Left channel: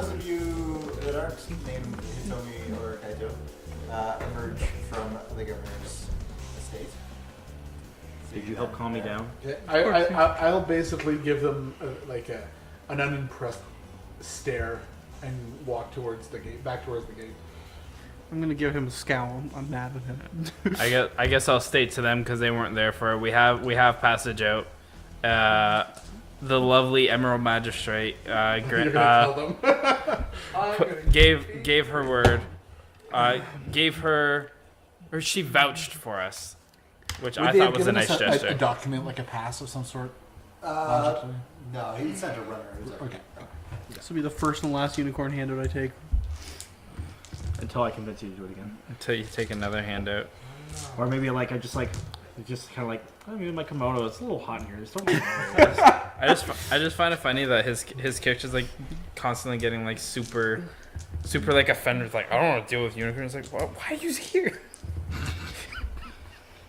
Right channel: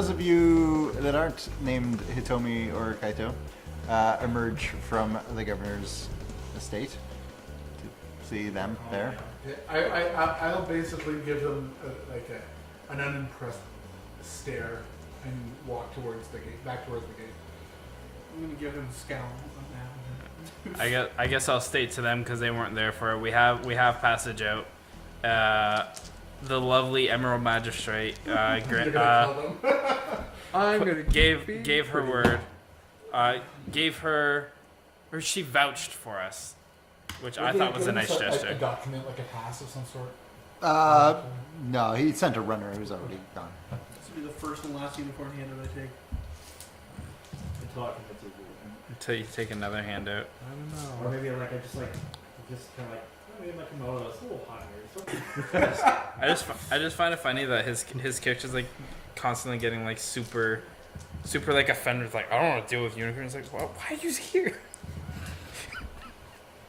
those of you that aren't named Hitomi or Kaito emerge from the governor's estate. See them Calm me there. down. I'll basically give them an unimpressed stare and walk towards the gate, back towards the gate. I'm gonna give him a scowl on Nav and him. I guess I'll state to them because they weren't there for it. We have passage out. The lovely Emerald Magistrate You're gonna tell them. I'm gonna gave her word. Gave her, or she vouched for us, which I thought was a nice gesture. A document, like a pass of some sort. No, he sent a runner who's already gone. This will be the first and last unicorn handout I take. Until I convince you to do it again. Until you take another handout. Or maybe like I just kind of like, oh, maybe my kimono, it's a little hot in here. Just don't I just find it funny that his character's like constantly getting like super like offended. Like, I don't want to deal with unicorns. Like, why are you here?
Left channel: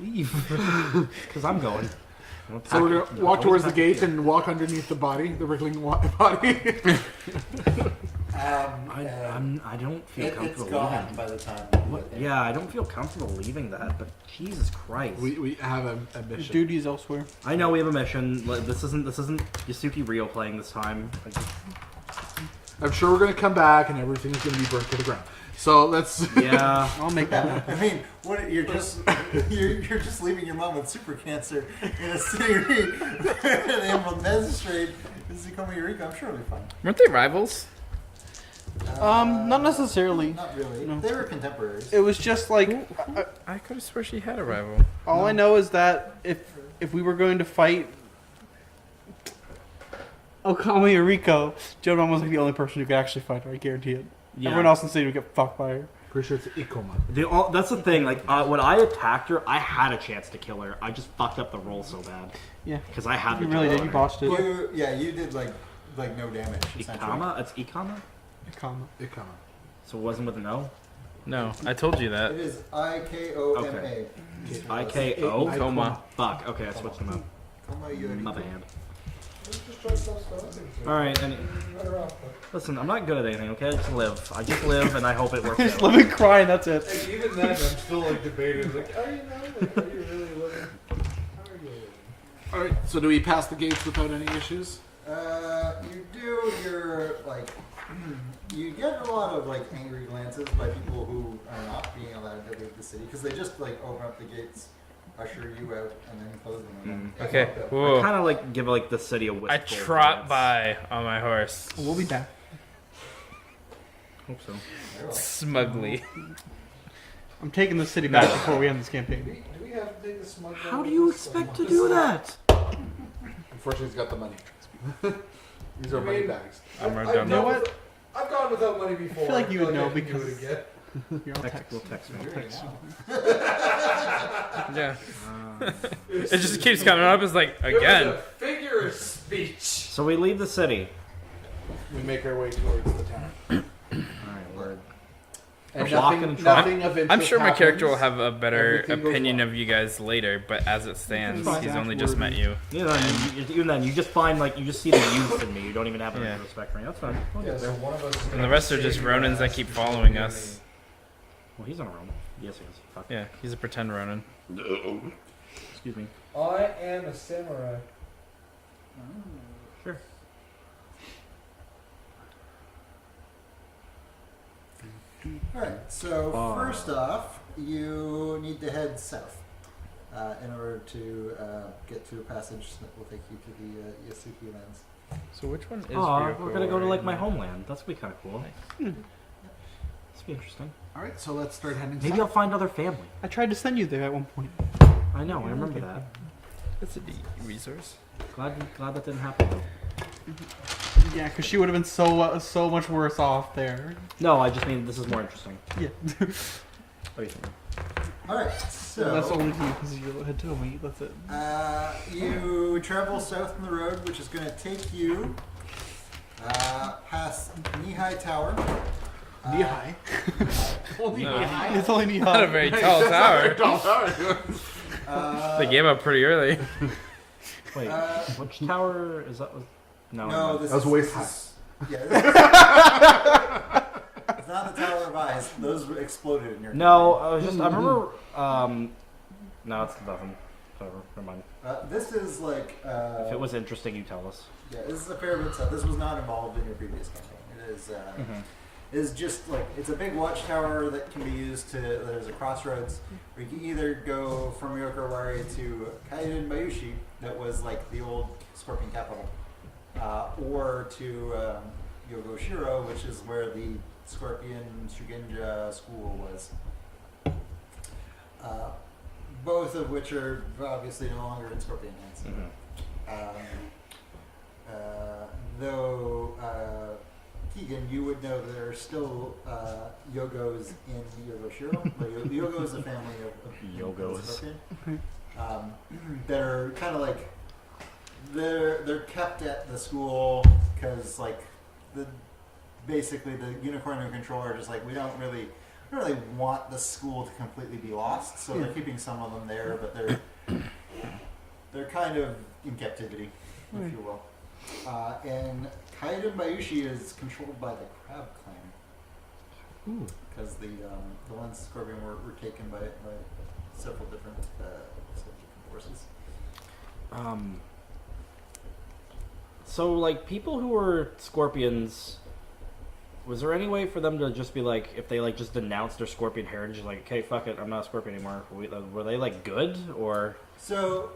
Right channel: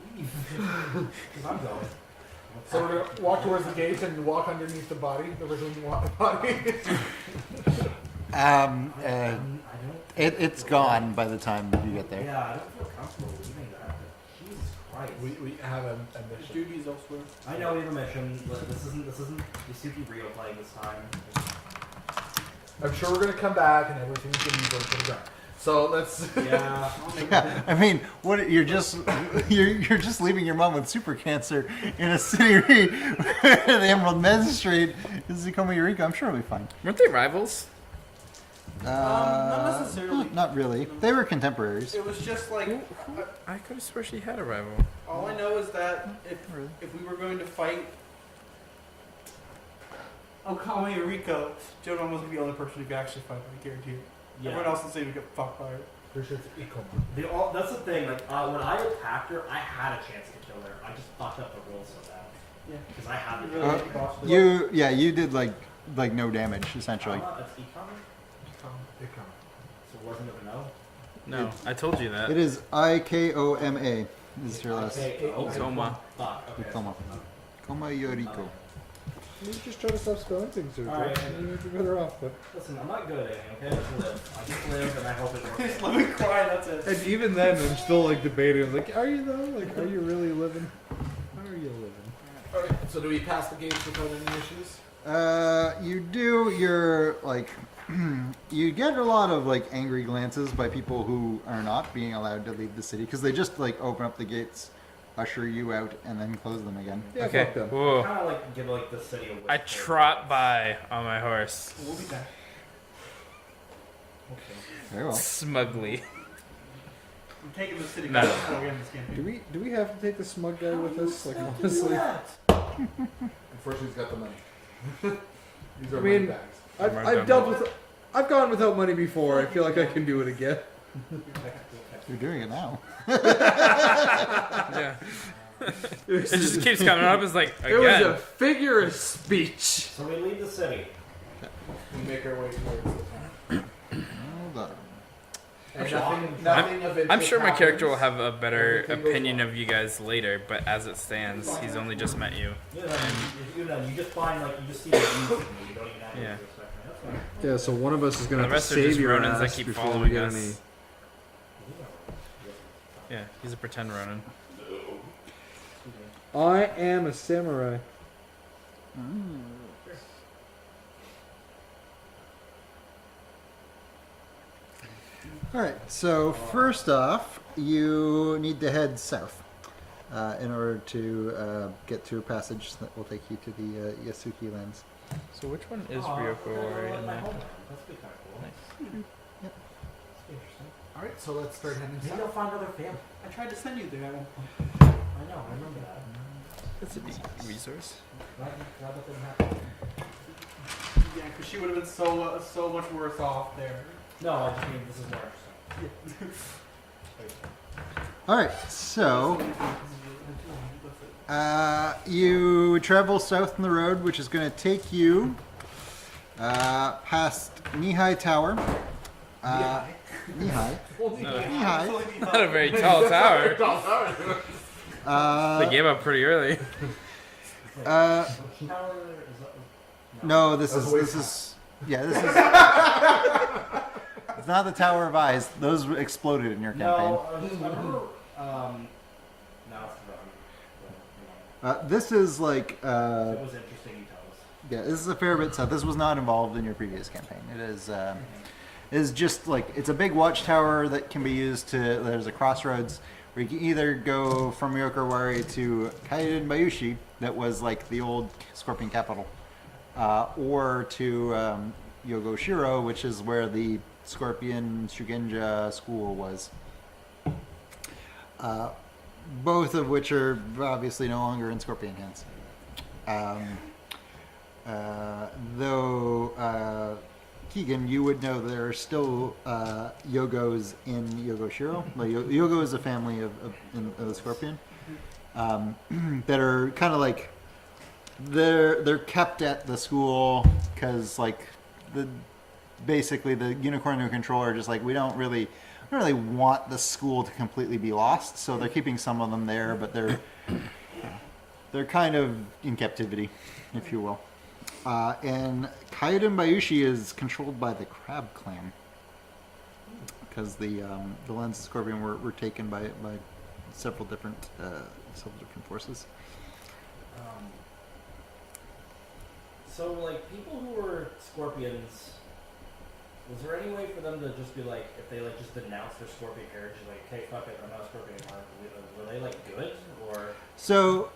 leave. Because I'm going. So we're going to walk towards the gate and walk underneath the body, the wriggling body. I don't. It's gone by the time you get there. Yeah, I don't feel comfortable leaving that. But Jesus Christ, we have a mission. Duties elsewhere. I know we have a mission. This isn't Yasuki Rio playing this time. I'm sure we're going to come back and everything's going to be burnt to the ground. So let's. Yeah, I'll make that. I mean, what you're just leaving your mom with super cancer in a city where the Emerald Magistrate is Ikoma Eureka. I'm sure it'll be fine. Weren't they rivals? Not necessarily. Not really. No. They were contemporays. It was just like I could have sworn she had a rival. all I know is that if we were going to fight Okami or Rico, Jodan was like the only person who could actually fight her. I guarantee it. yeah. Everyone else in the city would get fucked by her. Pretty sure it's Ikoma. That's the thing. Like when I attacked her, I had a chance to kill her. I just fucked up the roll so bad. Yeah. Because I had You the really job. did. You botched it. You did like no damage essentially. Ikama? It's Ikama? Ikoma. So it wasn't with an O? No, I told you that. It is Ikoma. I-K-O? Coma. Fuck. Okay, that's what I'm Ikoma My Eureka. bad. You just try to stop spelling things. Alright, and You're better off, but... listen, I'm not good at anything, okay? I just live. I just live and I hope it works Just out. live and cry, and that's it. And even then, I'm still like debating. Like, are you though? Like, are you really living? How are you living? All right. So do we pass the gates without any issues? You do. You're like, you get a lot of like angry glances by people who are not being allowed to leave the city because they just like open up the gates, usher you out, and then close them again. Yeah, Okay. fuck them. Whoa. Kind of like give like the city a whistle. I trot by on my horse We'll be back. Hope so. Very well. smugly. I'm taking the city No. back before we end this Do campaign. we have to take the smug guy How with do you us? Like, expect to honestly? do that? Unfortunately, he's got the money. These are I money mean, bags. I've gone without money before. I I feel feel like like you I can do it because- again. You're on text. We'll text You're you. doing it now. Yeah. It just keeps coming up. It's like It was a again. figure of speech. So we leave the city. We make our way towards the town. Hold on. And Walking- nothing of interest I'm sure my character will happens. have a better Everything goes opinion well. of you guys later, but as it stands, he's only just met you. Even then, you just find like you just see the use in me. You don't even have any Yeah. respect for me. That's fine. Yeah, so one of us is And gonna. the rest are just Ronins that keep following us. Well, he's not wrong. Yes, he is. Fuck. Yeah, he's a pretend Ronin. Excuse me. I am a samurai. Sure. All right. So first off, you need to head south in order to get to a passage that will take you to the Yasuki lands. So which one is Aw, Ryoko? we're gonna go to like right my now? homeland. That's be kind of cool. Nice. This be interesting. All right, so let's start heading Maybe south. I'll find other family. I tried to send you there at one point. I know. I remember that. That's a neat resource. Glad that didn't happen. Yeah, because she would have been so much worse off there. No, I just mean this is more interesting. Yeah. What do you think? All right. That's the So only thing because you had to wait. That's it. you travel south on the road, which is going to take you past Knee-High Tower. Knee-high? Knee-high. No, It's only me. not a very tall tower. Uh, They gave up pretty early. Wait, which tower is that? No, this That was is way this high. is Yeah, this is, it's not the Tower of Eyes. Those exploded in your No, campaign. I was just. I remember. No, it's nothing. Never mind. This is like. If it was interesting, you tell us. Yeah, this is a fair bit stuff. This was not involved in your previous campaign. It is. Is just like it's a big watchtower that can be used to. There's a crossroads where you can either go from Yokowari to Kaiden Bayushi, that was like the old Scorpion capital, or to Yogoshiro, which is where the Scorpion Shugenja school was. Both of which are obviously no longer in Scorpion hands. Though Keegan, you would know there are still Yogos in Yogoshiro. Like, Yogo is a family of the Scorpion that are kind of like they're kept at the school because like basically the Unicorn who control are just like we don't really want the school to completely be lost, so they're keeping some of them there, but they're kind of in captivity, if you will. And Kaiden Bayushi is controlled by the Crab Clan because the Lens of Scorpion were taken by several different forces. So, like, people who were Scorpions, was there any way for them to just be like, if they like just denounced their Scorpion heritage, like, okay, fuck it, I'm not a Scorpion anymore? Were they like good or? So,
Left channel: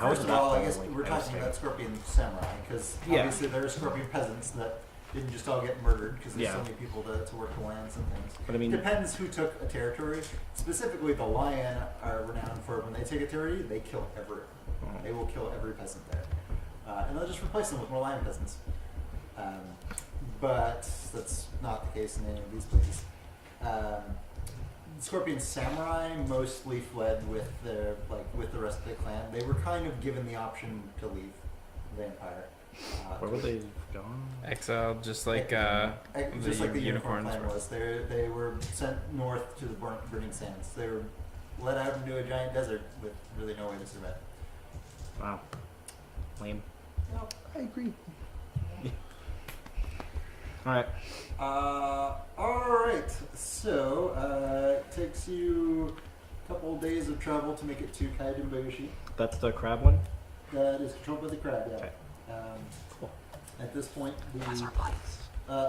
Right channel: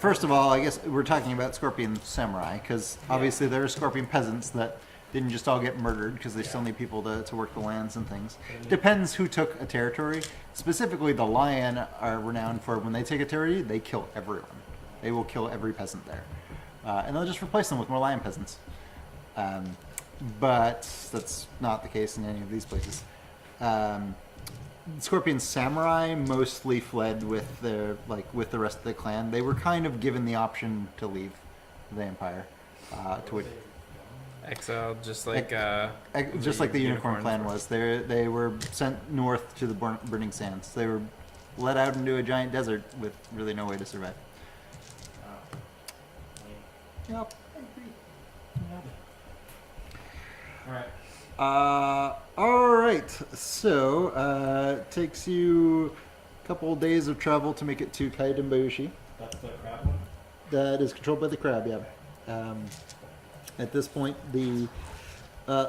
first of all, I guess we're talking about Scorpion samurai because obviously there are Scorpion peasants that didn't just all get murdered because they still need people to work the lands and things. But I mean, depends who took a territory. Specifically, the Lion are renowned for when they take a territory, they kill everyone. They will kill every peasant there, and they'll just replace them with more Lion peasants. But that's not the case in any of these places. Scorpion samurai mostly fled with the rest of the clan. They were kind of given the option to leave the empire. Exiled, just like the Unicorn clan was. They were sent north to the burning sands. They were let out into a giant desert with really no way to survive. Wow. Lame. Yep, I agree. Alright. Alright, so it takes you a couple days of travel to make it to Kaiden Bayushi. That's the crab one? That is controlled by the crab, yeah. Okay. At this point, the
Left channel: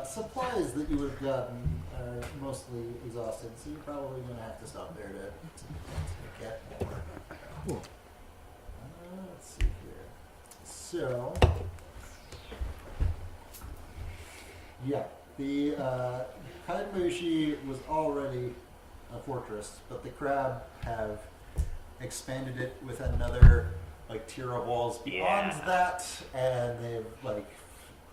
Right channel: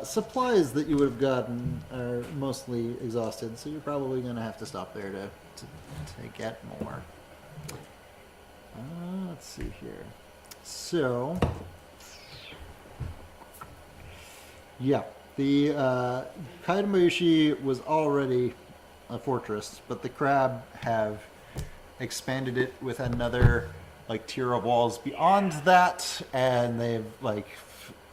supplies that you would have gotten are mostly exhausted, so you're probably going to have to stop there to get more. Let's see here. So, yeah, the Kaiden Bayushi was already a fortress, but the crab have expanded it with another tier of walls beyond that, and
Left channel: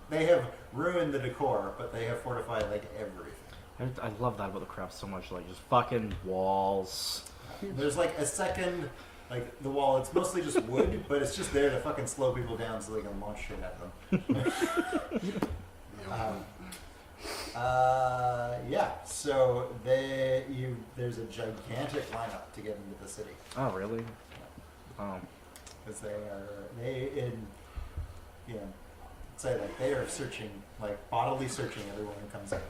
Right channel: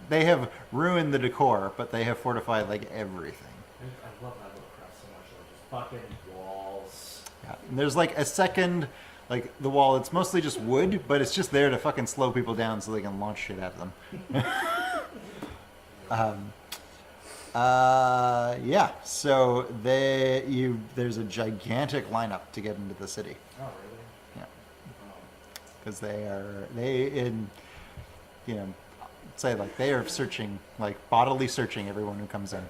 they have ruined the decor, but they have fortified everything. I love that about the crab so much, just fucking walls. Yeah. There's a second, the wall, it's mostly just wood, but it's just there to fucking slow people down so they can launch shit at them. Yeah, so there's a gigantic lineup to get into the city. Oh, really? Yeah. Oh. Because they are searching, bodily searching everyone who comes in.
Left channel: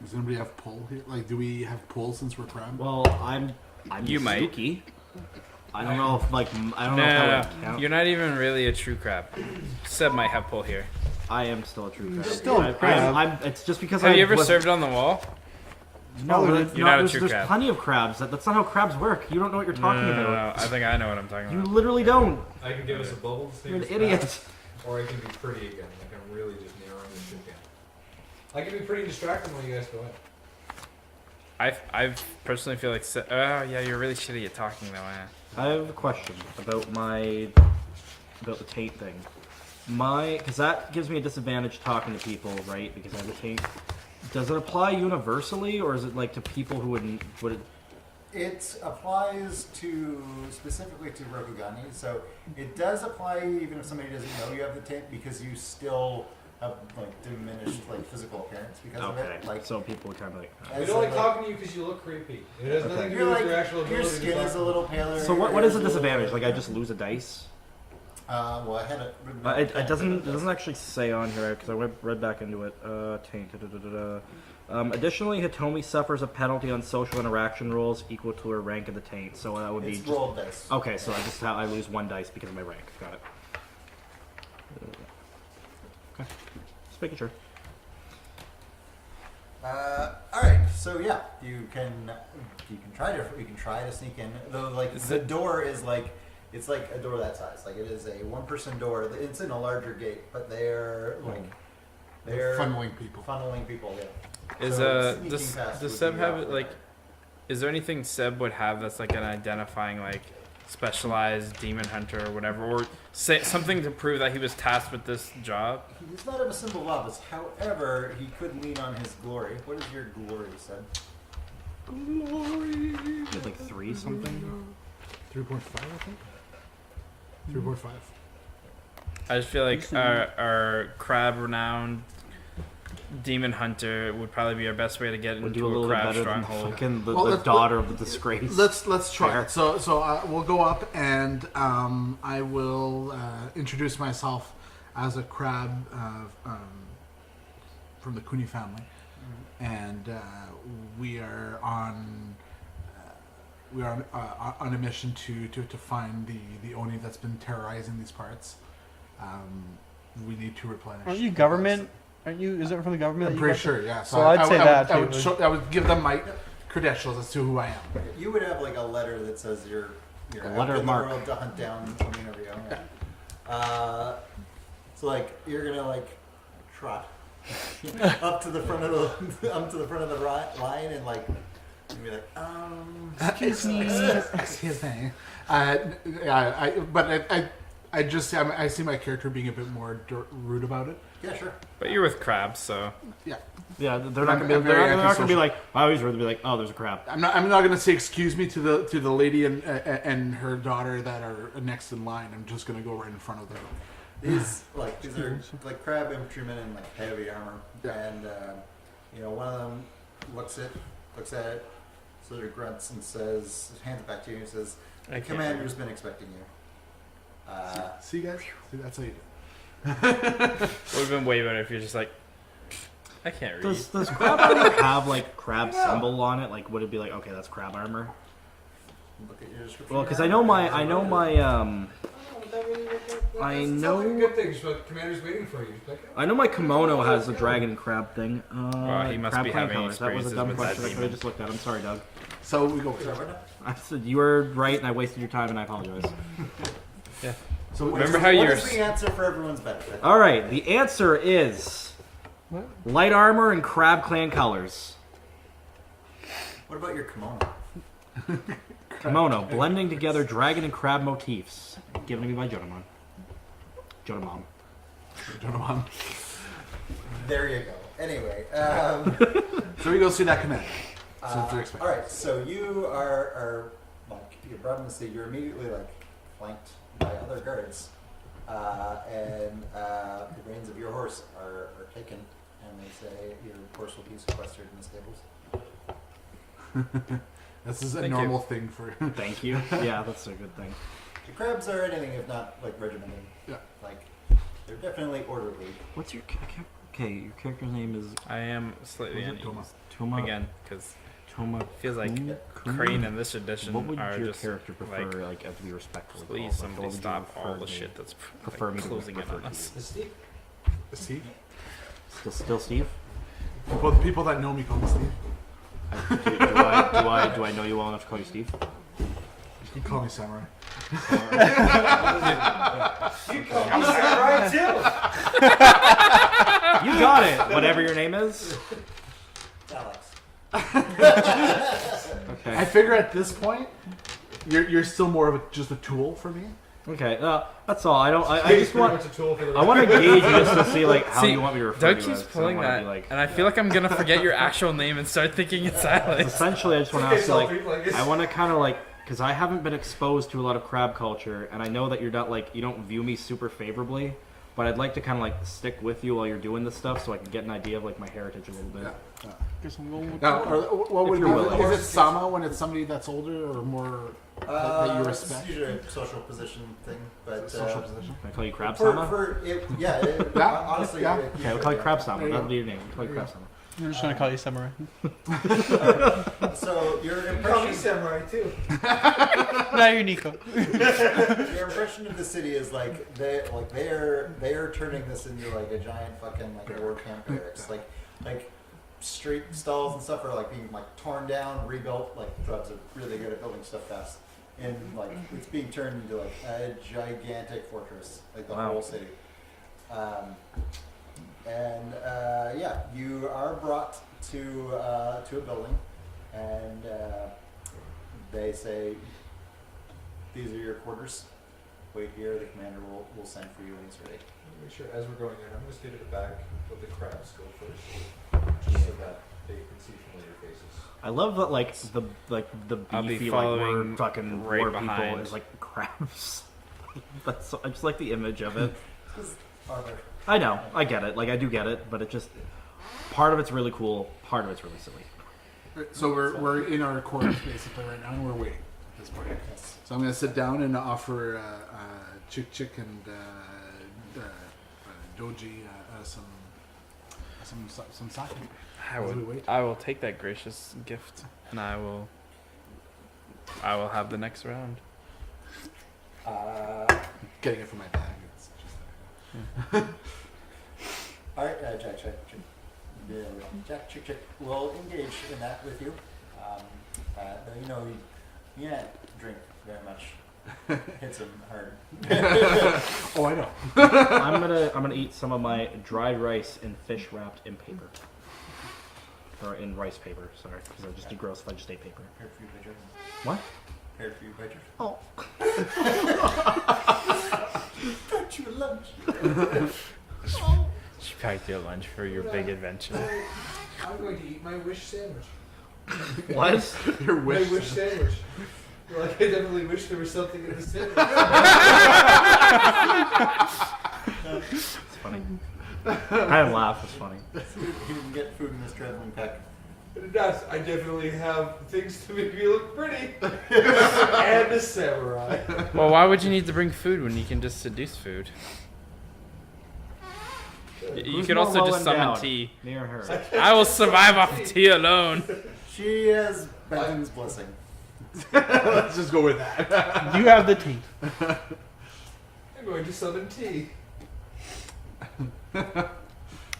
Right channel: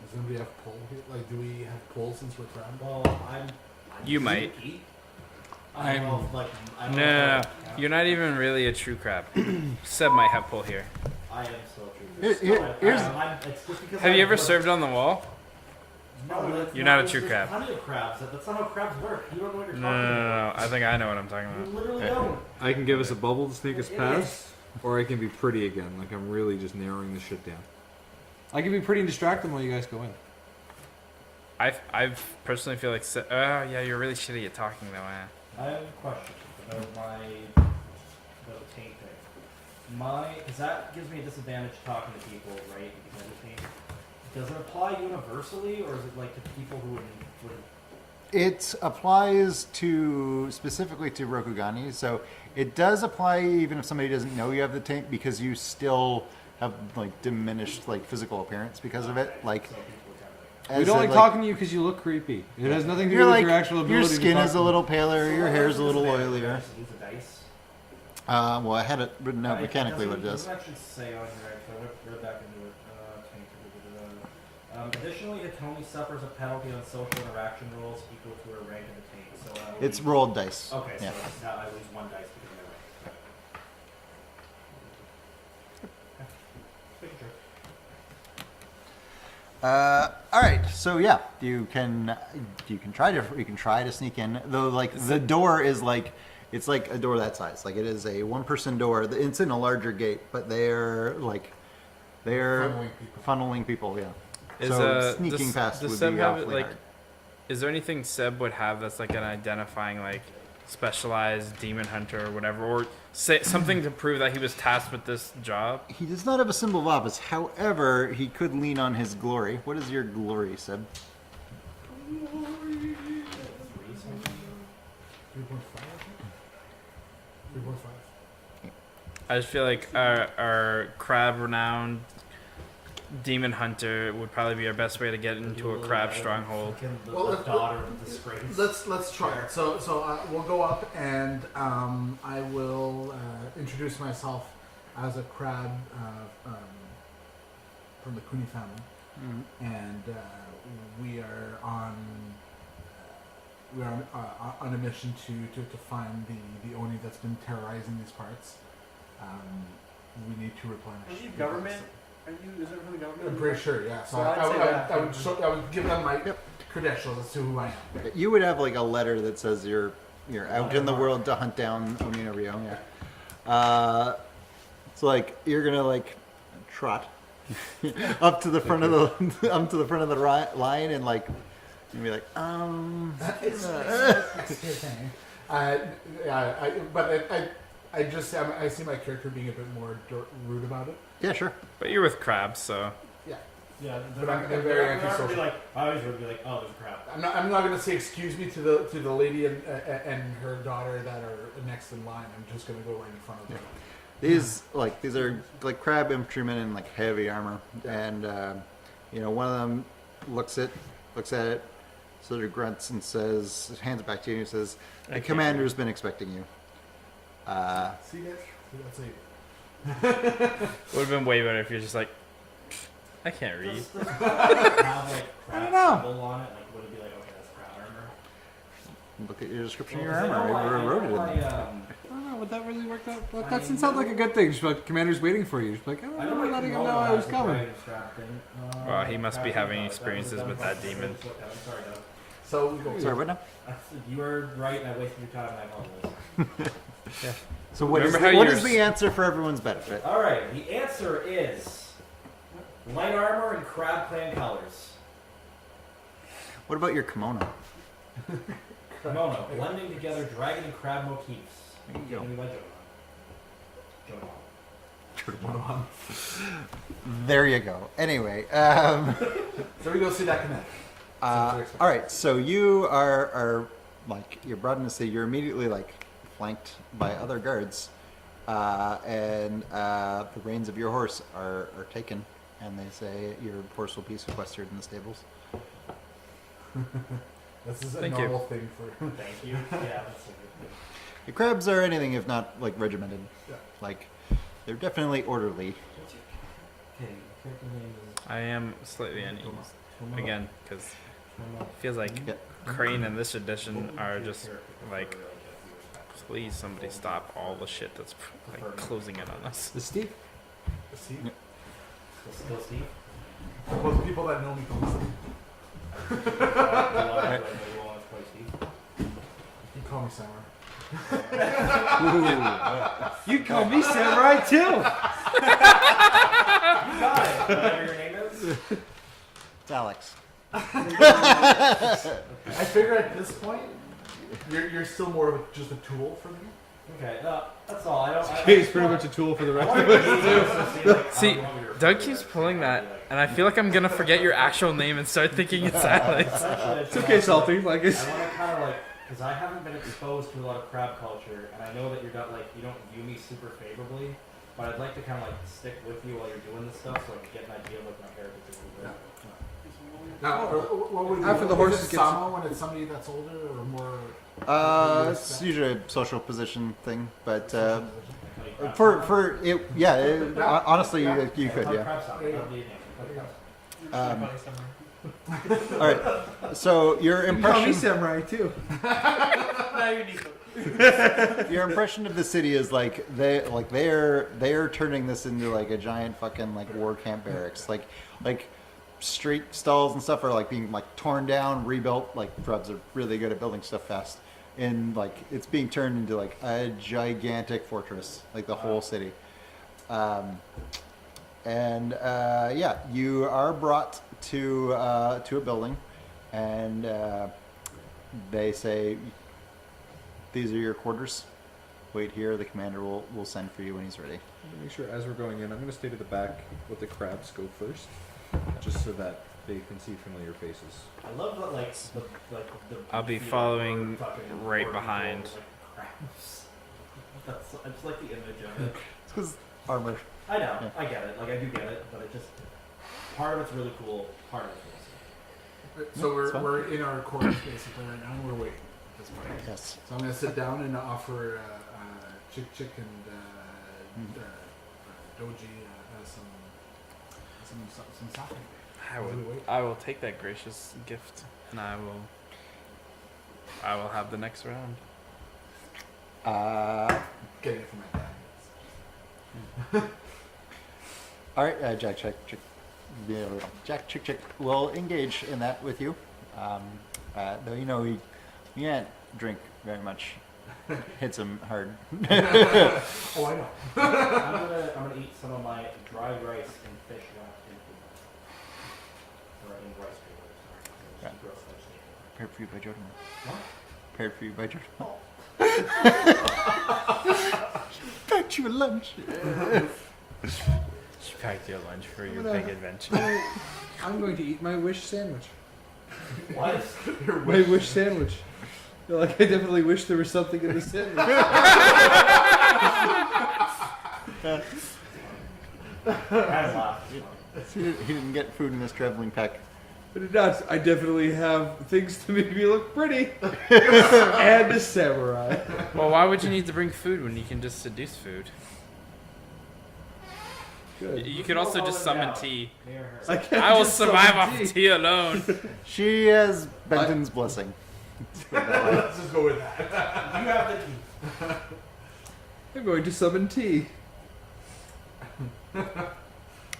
Does anybody have pull here? Do we have pull since we're crab? Well, I'm You might. spooky. I don't know if I don't know if that No, would count. you're not even really a true crab. Seb might have pull here. I am still a true Yeah, crab. It's just because Have you ever was- served on the wall? No, but You're not a there's- true there's crab. plenty of crabs. That's not how crabs work. You don't know what you're No, talking no, no, about. no. I think I know what I'm talking You about. literally don't. I can give us a bubble to sneak You're us an idiot. past, or I can be pretty again. I'm really just narrowing this shit down. I can be pretty and distract them while you guys go ahead. I personally feel like yeah, you're really shitty at talking though. I have a question about the taint thing. Because that gives me a disadvantage talking to people, right? Because I have a taint. Does it apply universally, or is it to people who would? It applies specifically to Rokugani, so it does apply even if somebody doesn't know you have the taint because you still have diminished physical appearance because of it. So people are kind of We don't like talking to you because you look creepy. It has nothing to do You're with your actual ability. your skin is a little paler. So your what hair is is the a little disadvantage? I oilier. just lose a dice. Well, I had it written out It mechanically. doesn't, but it it does. doesn't actually say on here because I read back into it. Taint. Additionally, Hitomi suffers a penalty on social interaction rules equal to her rank in the taint. So that would It's be rolled dice. Okay, so Yeah. I lose 1 dice because of my rank. Got it. Okay. Just making sure. All right, so yeah, you can try to sneak in, though. Like the door is like it's like a door that size. Like it is a 1-person door. It's in a larger gate, but they're funneling people. Yeah. Is So sneaking past does would Seb be have awfully like? hard. Is there anything Seb would have that's like an identifying like specialized demon hunter or whatever, or say something to prove that he was tasked with this job? He does not have a symbol of office. However, he could lean on his glory. What is your glory, Seb? Like 3 something. 3.5, I think. 3.5. I just feel like our crab renowned demon hunter would probably be our best way to get into a crab stronghold. The daughter of the disgrace. Let's try it. So we'll go up and I will introduce myself as a crab from the Cooney family, and we are on a mission to find the Oni that's been terrorizing these parts. We need to replenish. Are you government? Are you? Is it from the government? I'm that you pretty got sure, yeah. So I'd say that I too. I would give them my credentials as to who I am. You would have like a letter that says you're out letter in the mark. world to hunt down Omina Rio. Yeah. So like you're gonna like trot up to the front of the line and like be like excuse me. Excuse me. I see my character being a bit more rude about it. Yeah, sure. But you're with crabs, so Yeah. Yeah, they're I'm not very going to antisocial. be like, I always rather be like, oh, there's a crab. I'm not going to say excuse me to the lady and her daughter that are next in line. I'm just going to go right in front of them. These are like crab infantrymen in like heavy armor, and one of them looks at it, sort of grunts and says, hands it back to you, and says, "The commander's been expecting you." See you guys. See, that's how you do it. would have been way better if you're just like, I can't read. Does crab armor have like crab symbol on it? Like, would it be like, okay, that's crab armor? Look at your description. Well, of because your I know armor. my, You wrote it. I don't know, would that really work out? Well, I that sounds like a know- good thing. Just like commander's waiting for you. Just like, oh, I know my kimono oh, has the oh. dragon and crab thing. Well, he must crab be clan having colors. That was a experiences dumb with that question. I demon. just looked at it. I'm sorry, Doug. So we go. Sorry, what now? I said you were right, and I wasted your time, and I apologize. Yeah. So what Remember is, how what you're is the answer for everyone's benefit? All right, the answer is light armor and crab clan colors. What about your kimono? Kimono, blending together dragon and crab motifs. Given to me by Jonamon. There you go. Anyway, So we go see that commander. all right. So you are like you're brought in to see. You're immediately like flanked by other guards, and the reins of your horse are taken, and they say your horse will be sequestered in the stables. This is a Thank you. normal thing for. Thank you. Yeah, that's a good thing. The crabs are anything if not like regimented. Yeah. Like they're definitely orderly. What's your okay? Your character's name is I am slightly uneasy Toma. again because Toma. it feels like Yeah. Crane in this What edition would are your just character prefer, like, as we respect? please somebody stop all the shit that's prefer like, me to closing in prefer on us. Is Steve? Is Steve? Still Steve? Well, the people that know me call me Steve. Do I know you well enough to call you Steve? You can call me Samurai. You call me Samurai too. You got it. Whatever your name is. It's Alex. I figure at this point, you're still more of just a tool for me. Okay, that's all. I He's just pretty want. much a tool for the. I want to gauge you just to see like how See, you want me to refer Doug to keeps it. So I pulling wanna that, be like- and I feel like I'm gonna forget your actual name and start thinking it's Alex. Essentially, I just want Okay, to like, Selfie, like it's- I want to kind of like, because I haven't been exposed to a lot of crab culture, and I know that you're not like, you don't view me super favorably. but I'd like to kind of like stick with you while you're doing this stuff, so I can get an idea of like my heritage a little bit. Guess I'm going with Now, what would If you you is will. it Sama when it's somebody that's older or more? It's respect? usually a social position thing, but Social position? Can I call you crab for Sama? for it, yeah. Honestly, Yeah. you Okay, I'll could. call you Yeah. crab Sama. There you That'll go. be your name. I'll call you crab Sama. I'm just gonna call you samurai. So your impression, samurai too. Now you're Nico. your impression of the city is like they're turning this into like a giant fucking like war camp barracks. Like street stalls and stuff are like being like torn down, rebuilt. Like Trubs are really good at building stuff fast, and like it's being turned into like a gigantic fortress, like the Wow. whole city. Yeah, you are brought to a building, and they say, "These are your quarters. Wait here. The commander will send for you when he's ready." Make sure as we're going in, I'm going to stay to the back, let the crabs go first, just so that they can see familiar faces. I love that the I'll be beefy, following like, fucking right war people behind. and, like crabs. That's so, I just like the image of it. It's because armor. I know, I get it. Like I do get it, but it just part of it's really cool, part of it's really silly. So we're in our quarters basically right now, and we're waiting at this point. Yes. So I'm going to sit down and offer Chick and Doji some sake. I will take that gracious gift, and I will have the next round. Getting it from my bag. All right, Jack, Chick will engage in that with you. Though you can't drink very much. Hits him hard. Oh, I know. I'm gonna eat some of my dried rice and fish wrapped in paper, or in rice paper. Sorry, because I just degrossed fudge steak paper. Prepared for you by Jordan. What? Prepared for you by Jordan. Oh. Packed you a lunch. She packed your lunch for your big adventure. I'm going to eat my wish sandwich. What? Your My wish. wish sandwich. Like, I definitely wish there was something in the sandwich. It's funny. I laugh. It's funny. He didn't get food in his traveling pack. But it does. I definitely have things to make me look pretty. And a samurai. Well, why would you need to bring food when you can just seduce food? You Who's could more also well just summon endowed? tea. Me or her? I will survive off tea alone. She has Benton's blessing. Let's just go with that. You have the tea. I'm going to summon tea.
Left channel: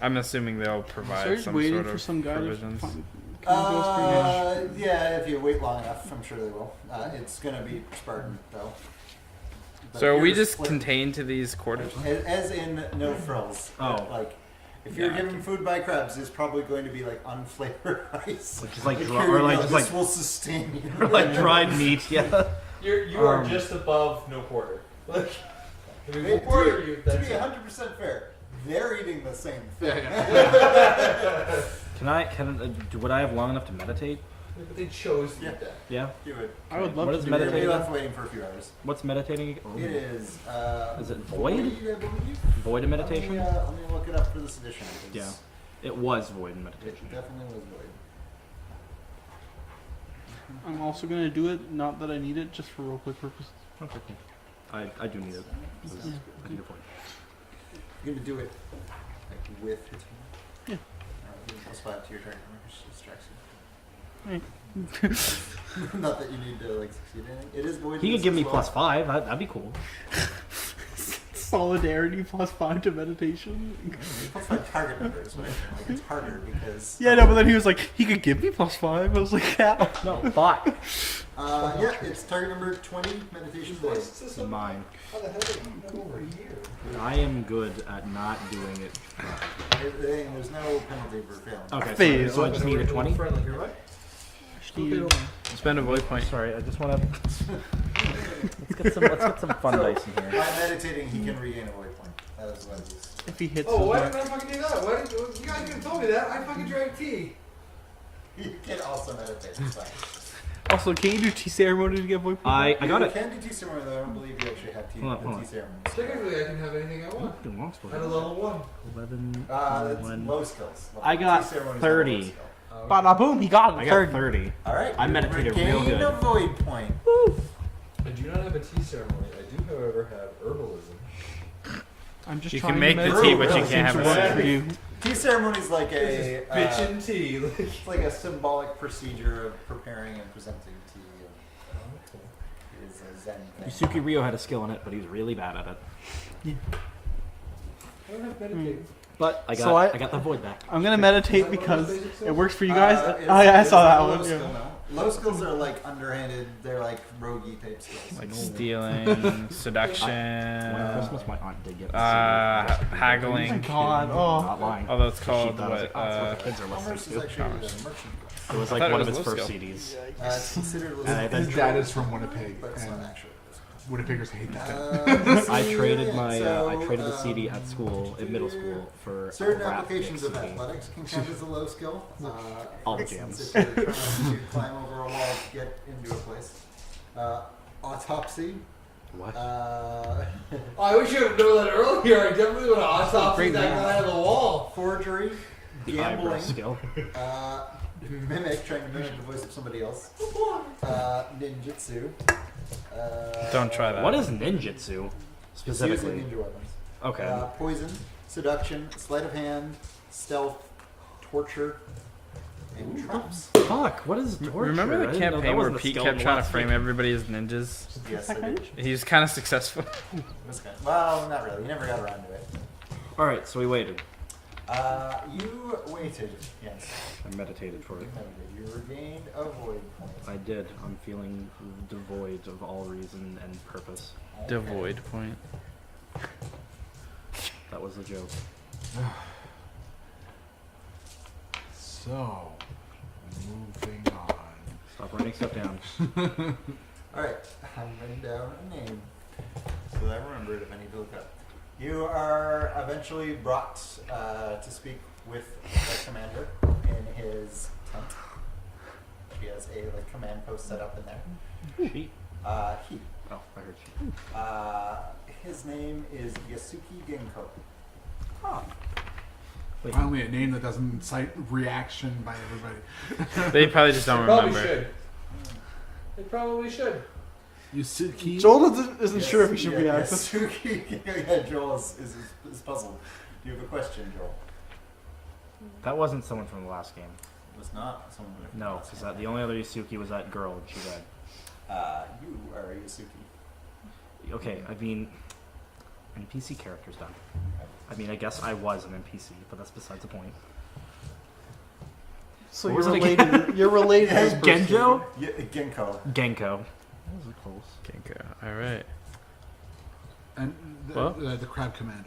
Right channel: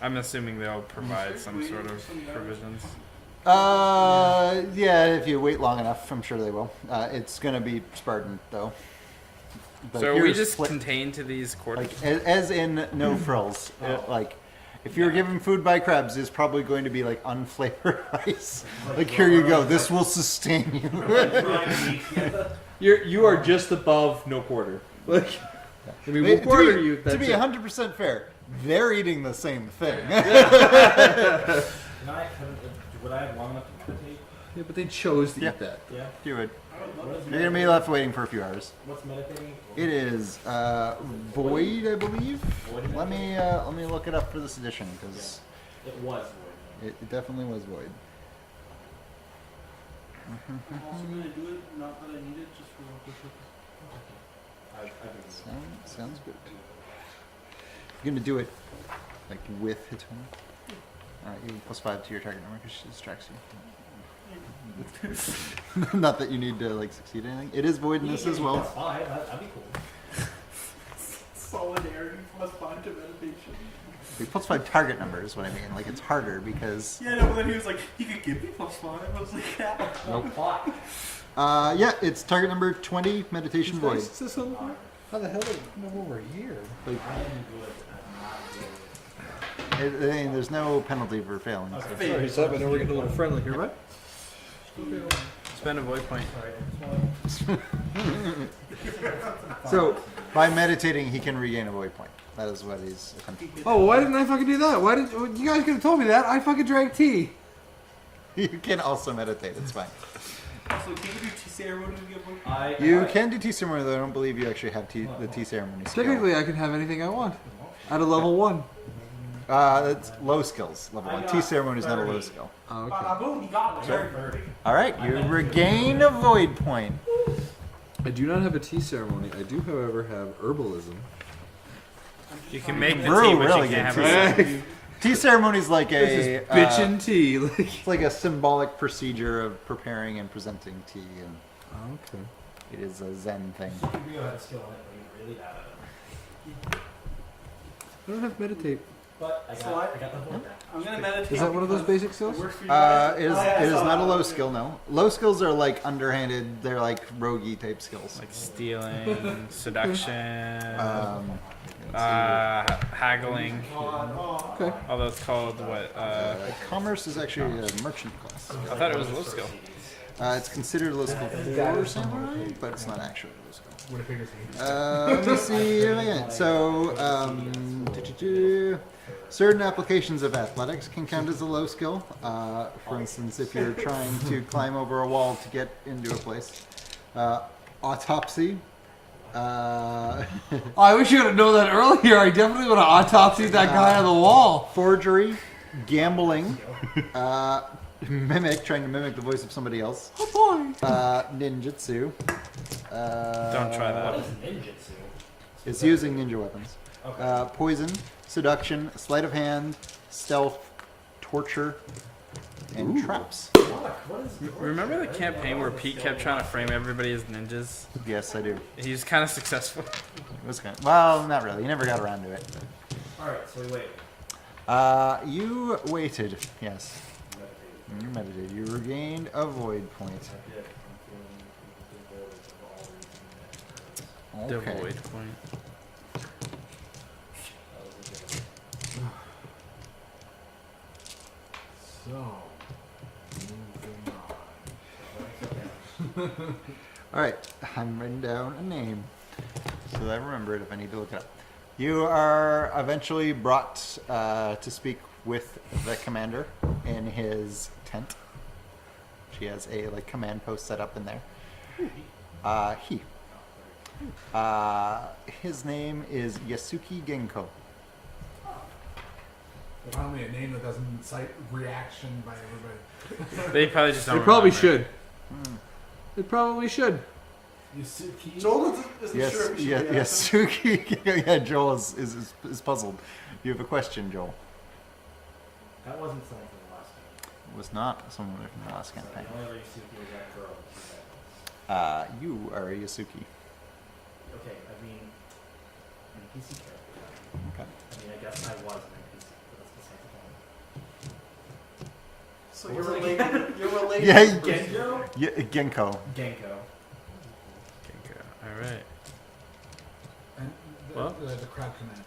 I'm assuming they'll provide So some waiting sort for of some guy to provisions. find- Yeah, if you wait long enough, I'm sure they will. It's gonna be Spartan though. But So are we you're just split- contained to these quarters? as in no frills. Oh. Like, if you're Yeah. given food by crabs, it's probably going to be like unflavored rice. Like Like, dry- here you or go. like- This like- will sustain you. like dried meat. Yeah. You are just above no quarter. Like, I mean, what quarter are you? to That's be it. 100% fair, they're eating the same thing. Would I have long enough to meditate? Yeah, but they chose to Yeah. eat that. Yeah. You would. I would love What to is do You're gonna be meditating? left waiting for a few hours. What's meditating? It is Is it void, void? I believe. Void of Let meditation. me look it up for this edition because It was void meditation. it definitely was void. I'm also gonna do it, not that I need it, just for roleplay purposes. I do need it. Sounds good. I need it. You're gonna do it like with Hitoma? Yeah. You +5 to your target number because she distracts you. Not that you need to like succeed anything. It is void. You in could this give as me well. +5. That'd be cool. Solidarity +5 to meditation. +5 target number is what I mean. Like it's harder because Yeah, no, but then he was like, he could give me +5. I was like, yeah. No, 5. yeah, it's target number 20 meditation void. It's mine. How the hell did it been over a year? I am good at not doing it. There's no penalty for failing. Okay, Phase. so I just need a 20. friendly here, right? Spend a void point. Sorry, I just want to. let's get some fun So- dice in here. By meditating, he can regain a void point. That is what he's. If he hits Oh, why didn't I fucking do that? Why did you guys could have told me that? I fucking drank tea. You can also meditate. It's fine. Also, can you do tea ceremony to get void points? I You got it. can do tea ceremony, though I don't believe you actually have Hold on, the hold tea on. ceremony skill. Typically, I can have anything I want at a level 1. 11, That's 11. low skills. Level I one. got Tea ceremony is not a low 30. skill. Oh, Bada boom, he got I it. got 30. All right, I you meditated regain real a good. void point. I do not have a tea ceremony. I do, however, have herbalism. I'm just You trying can to make the Really tea, but you really can't have interesting. it. Tea ceremony is like This a is bitchin' tea. Like, it's like a symbolic procedure of preparing and presenting tea, and okay. it is a Zen thing. Suki Rio had a skill in it, but he was really bad at it. I don't have meditate. But I got So I got the void back. I'm gonna Is meditate that one of those because basic skills? it works for you guys. It is, oh yeah, I it is saw not that a low one. skill, no. Low skills are like underhanded. They're like roguey type skills. Like stealing, seduction, That's my aunt did this. haggling. God, Not oh. lying. Although it's called She does what? it. It's a Commerce is actually Commerce. a merchant class. It was I like thought it one was of his low first skill. CDs. It's considered a low skill. And I His bet dad you- is from Winnipeg, but it's not and actually a low skill. Winnipeggers hate his dad. Let's I see, traded yeah, my so, I traded a CD at school, in middle school for certain a applications of graphics. athletics can count as a low skill. For All instance, games. if you're trying to climb over a wall to get into a place. Autopsy. What? Oh, I wish you would have known that earlier. I definitely would have autopsied that guy on the wall. Forgery. Gambling. Skill. Mimic, trying to mimic the voice of somebody else. Oh boy. Ninjutsu. Don't try that. What is ninjutsu? It's using ninja weapons. Okay. Poison, seduction, sleight of hand, stealth, torture, and traps. Fuck. What is torture? Remember I the didn't know campaign that where wasn't a Pete skill kept trying to once. frame everybody as ninjas? Yes, I do. He was kind of successful. It was kind of, well, not really. You never got around to it. All right, so we waited. You waited. Yes. I meditated for You it. meditated. You regained a void point. I did. I'm feeling devoid of all reason and purpose. Okay. Devoid point. That was the joke. So, moving on. Stop writing stuff down. All right. I'm writing down a name so that I remember it if I need to look it up. You are eventually brought to speak with the commander in his tent. She has a command post set up in there. He. He. Oh, I heard you. His name is Yasuki Genko. Wait, Finally, a name that doesn't incite reaction by everybody. They probably just They don't probably remember. should. They probably should. You sit key. Joel isn't Yes, sure if he should be asked. Yasuki. Yeah, Joel is puzzled. You have a question, Joel. that wasn't someone from the last game. It was not someone from No, the last 'cause campaign. the only other Yusuke was that girl, and she died. You are a Yasuki. Okay, I mean, NPC characters died. Okay. I mean, I guess I was an NPC, but that's besides the point. So What you're was it again? related. You're related. Yeah, to this person. Genjo? Yeah, Genko. Genko. Okay, all right. And Well? the crab commander.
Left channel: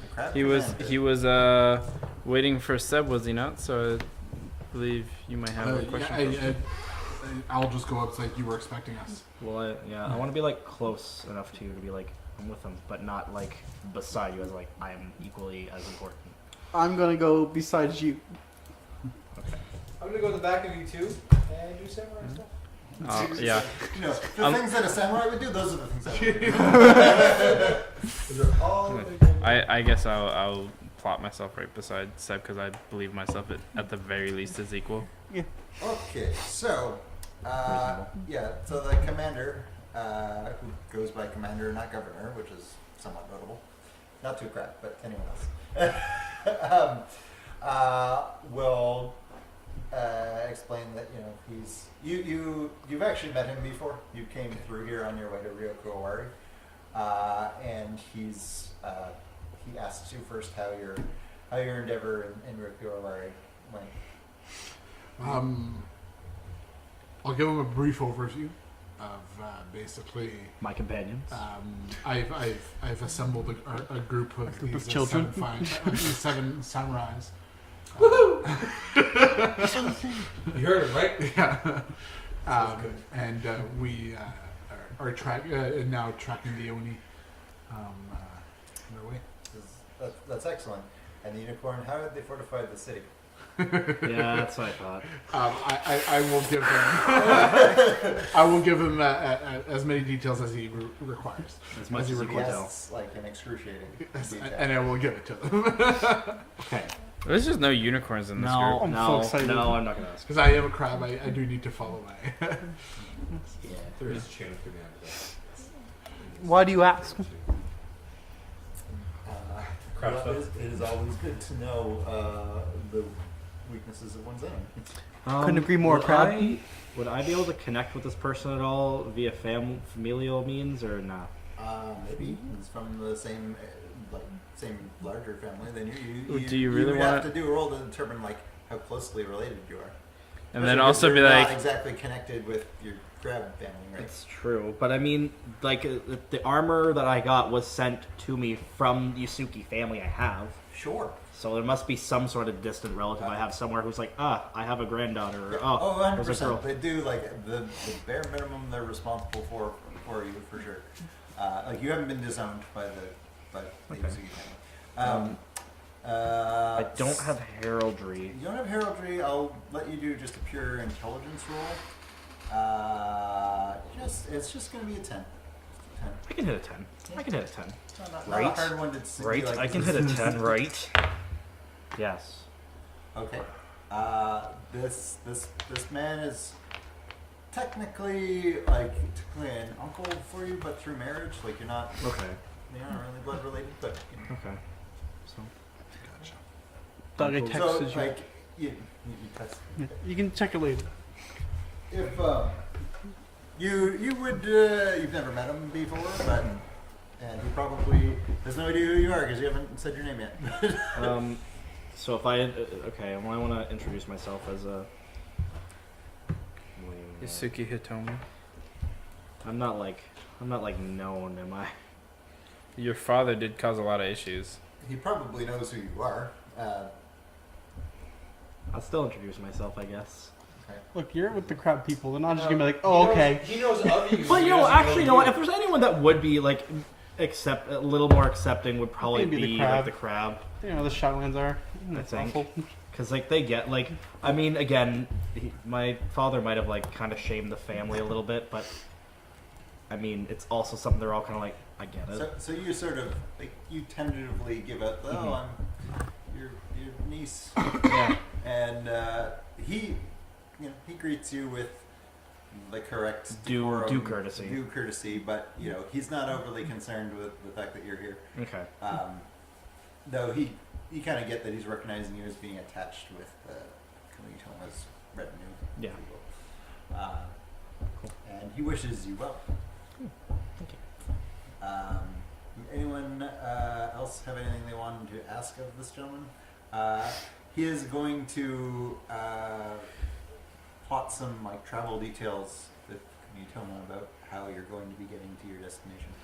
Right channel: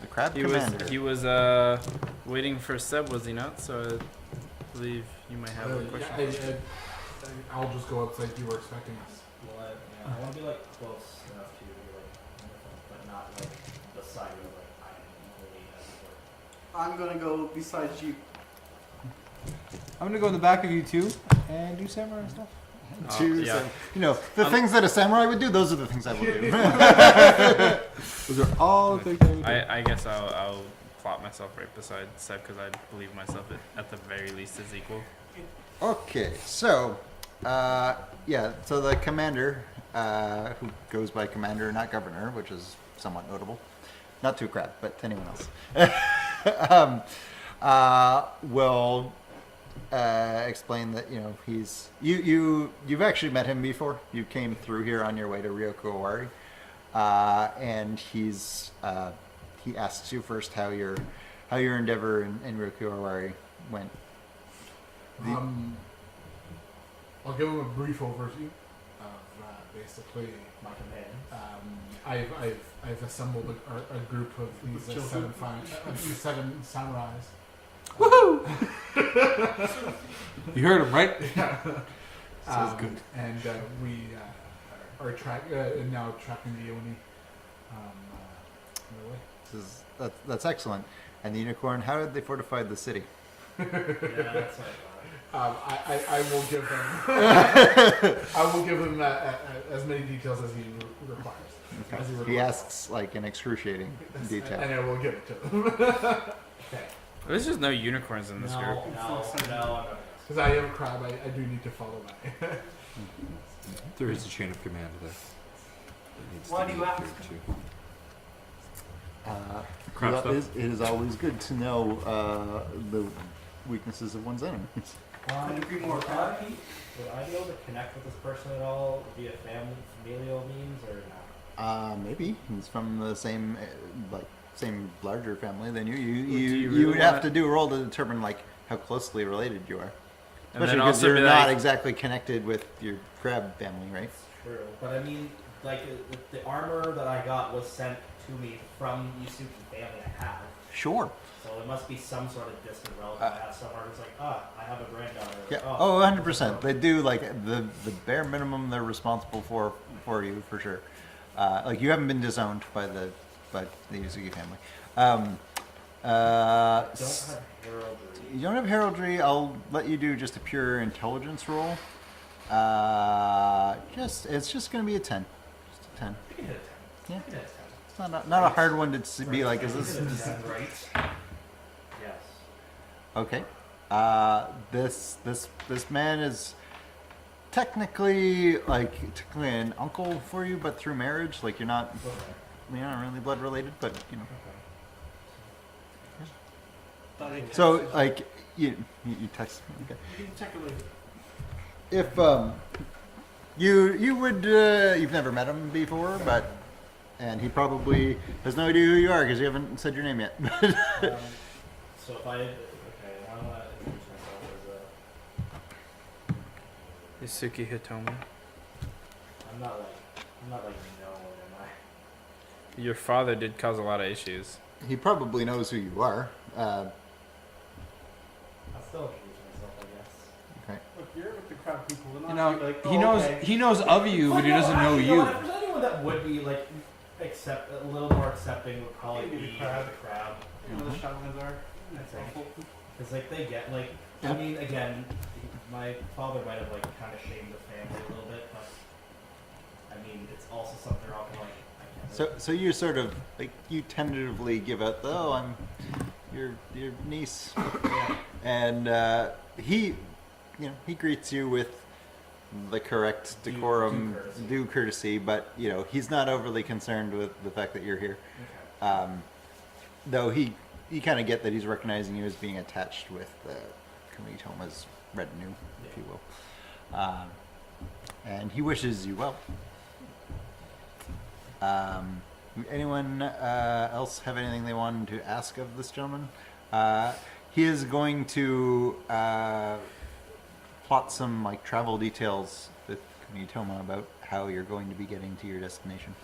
The crab He commander. was waiting for Seb, was he not? So I believe you might have a question. for us. I'll just go up it's like you were expecting us. Well, I want to be close enough to be I'm with them, but not beside you as I am equally as important. I'm gonna go besides you. I'm gonna go in the back of you two and do samurai stuff. Yeah. You know, the things that a samurai would do, those are the things I would do. Those are all the things. I guess I'll plot myself right beside Seb because I believe myself at the very least is equal. Okay, so, so the commander, who goes by commander, not governor, which is somewhat notable. Not to a crab, but to anyone else. Will explain that he's you've actually met him before. You came through here on your way to Ryokuowari, and he asks you first how your endeavor in Ryokuowari went. I'll give him a brief overview of basically. My companions. I've assembled a group of these children. these 7 samurais. Woohoo! You heard him, right? Yeah. And we are now tracking the Oni on their way. That's excellent. And the unicorn, how did they fortify the city? Yeah, that's what I thought. I will give him. I will give him as many details as he requires. As much as he you He want. asks like an excruciating detail. and I will give it to him. Okay. There's just no unicorns in this No, group. I'm so no, excited. no, I'm not gonna ask. Because I am a crab, I do need to follow my. There is a chain of command. But Why do you ask? Crap stuff. It is always good to know the weaknesses of one's enemy. Couldn't agree more, Crab. Would I be able to connect with this person at all via familial means or not? Maybe he's from the same same larger family than you. Do You you really would have wanna- to do a roll to determine like how closely related you are. And Especially then 'cause also you're be not like, exactly connected with your crab family, right? That's true, but I mean, like the armor that I got was sent to me from the Yusuke family I have. Sure. So there must be some sort of distant relative I have somewhere who's like, I have a granddaughter. Or, Yeah. oh, 100%. They do like the bare minimum they're responsible for you for sure. Like you haven't been disowned by the Yuzuki family. I don't have heraldry. You don't have heraldry. I'll let you do just a pure intelligence roll. It's just gonna be a 10. Just a 10. I can hit a 10. Yeah. I can hit a 10. It's not a Right. hard one to be like. I can this hit is- a 10, right? Yes. Okay. This man is technically an uncle for you, but through marriage. Like you're not Okay. really blood related, but you know. Okay. Doug, I texted So you. like you text. Okay. You can check it later. If you would you've never met him before, and he probably has no idea who you are because you haven't said your name yet. So if I well, I want to introduce myself as a. Yusuke Hitomi. I'm not like known, am I? Your father did cause a lot of issues. He probably knows who you are. I'll still introduce myself, I guess. Okay. Look, you're with the crowd people. They're not just No, gonna be like, he oh, knows, okay. He knows of you, But but he no, doesn't actually, know you know what? you. If there's anyone that would be like a little more accepting, would probably Maybe the be crab. like the crab. You know, the Shaolins are. That's think. awful. Because like they get like, I mean, again, my father might have like kind of shamed the family a little bit, but I mean, it's also something they're all kind of like, I get it. So you sort of like you tentatively give out the I'm your niece, Yeah. and he greets you with the correct decorum, due courtesy. courtesy, but he's not overly concerned with the fact that you're here. Okay. Though you kind of get that he's recognizing you as being attached with Kamitoma's retinue, Yeah. if you will, and he wishes you well. Anyone else have anything they wanted to ask of this gentleman? He is going to plot some travel details with Kamitoma about how you're going to be getting to your destination.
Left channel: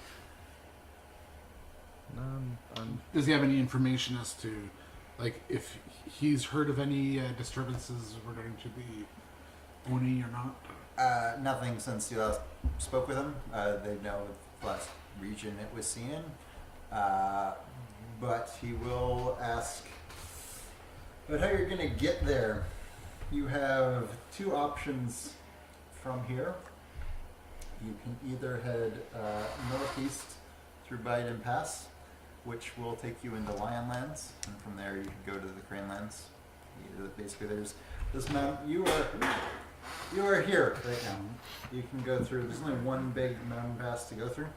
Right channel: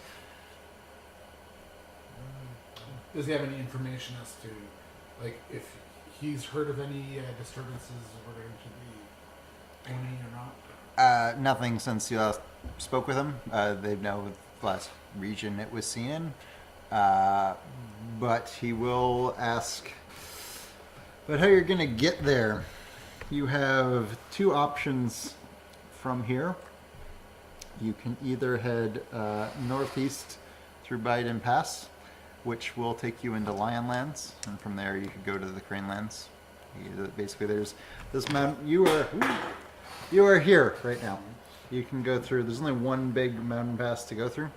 Does he have any information as to, if he's heard of any disturbances regarding to the Oni or not? Nothing since you last spoke with him. They know the last region it was seen in. But he will ask about how you're going to get there. You have two options from here. You can either head northeast through Biden Pass, which will take you into Lionlands, and from there you could go to the Cranelands. Basically, there's this mountain. You are here right now. You can go through. There's only one big mountain pass to go through.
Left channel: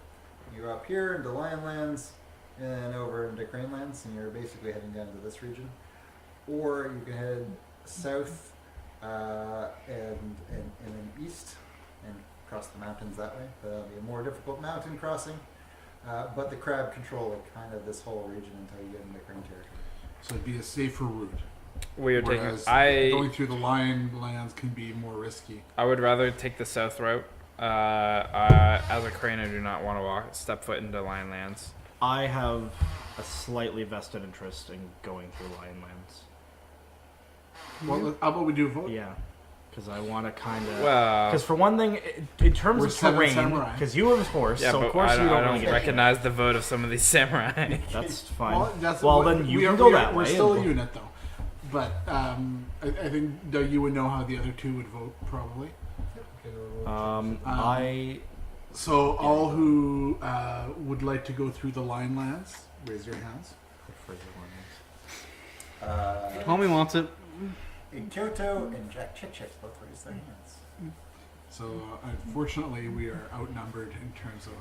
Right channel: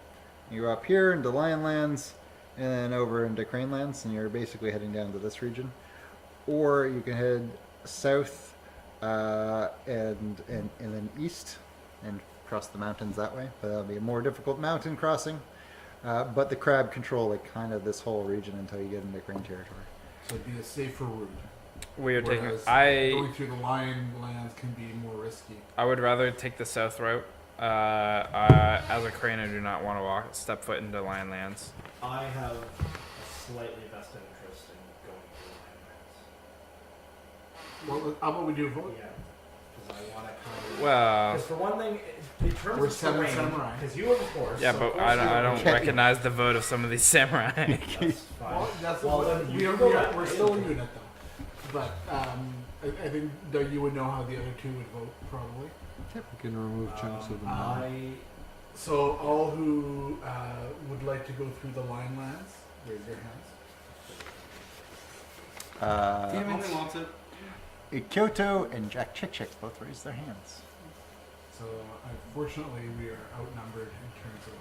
You're up here into Lionlands, and then over into Cranelands, and you're basically heading down to this region. Or you can head south and then east and cross the mountains that way. But that'll be a more difficult mountain crossing. But the crab control kind of this whole region until you get into Crane territory. So it'd be a safer route. We are taking. Whereas I going through the lion lands can be more risky. would rather take the south route. As a crane, I do not want to step foot into Lionlands. I have a slightly vested interest in going through Lionlands. Well, how about we do a vote? Yeah, because I want to kind of. Well, Because for one thing, in terms We're of seven terrain, samurai. because you have a horse, yeah, so of but course you I don't need- recognize the vote of some of these samurai. That's fine. Well, that's Well, what, then you we can are, go that we're way. still a unit, though. But I think though you would know how the other two would vote probably. We can remove chunks of the I So all who would like to go through the line lands, raise your hands. Homie wants it. Kyoto and Jack Chick Chick both raised their hands. So unfortunately, we are outnumbered in terms of.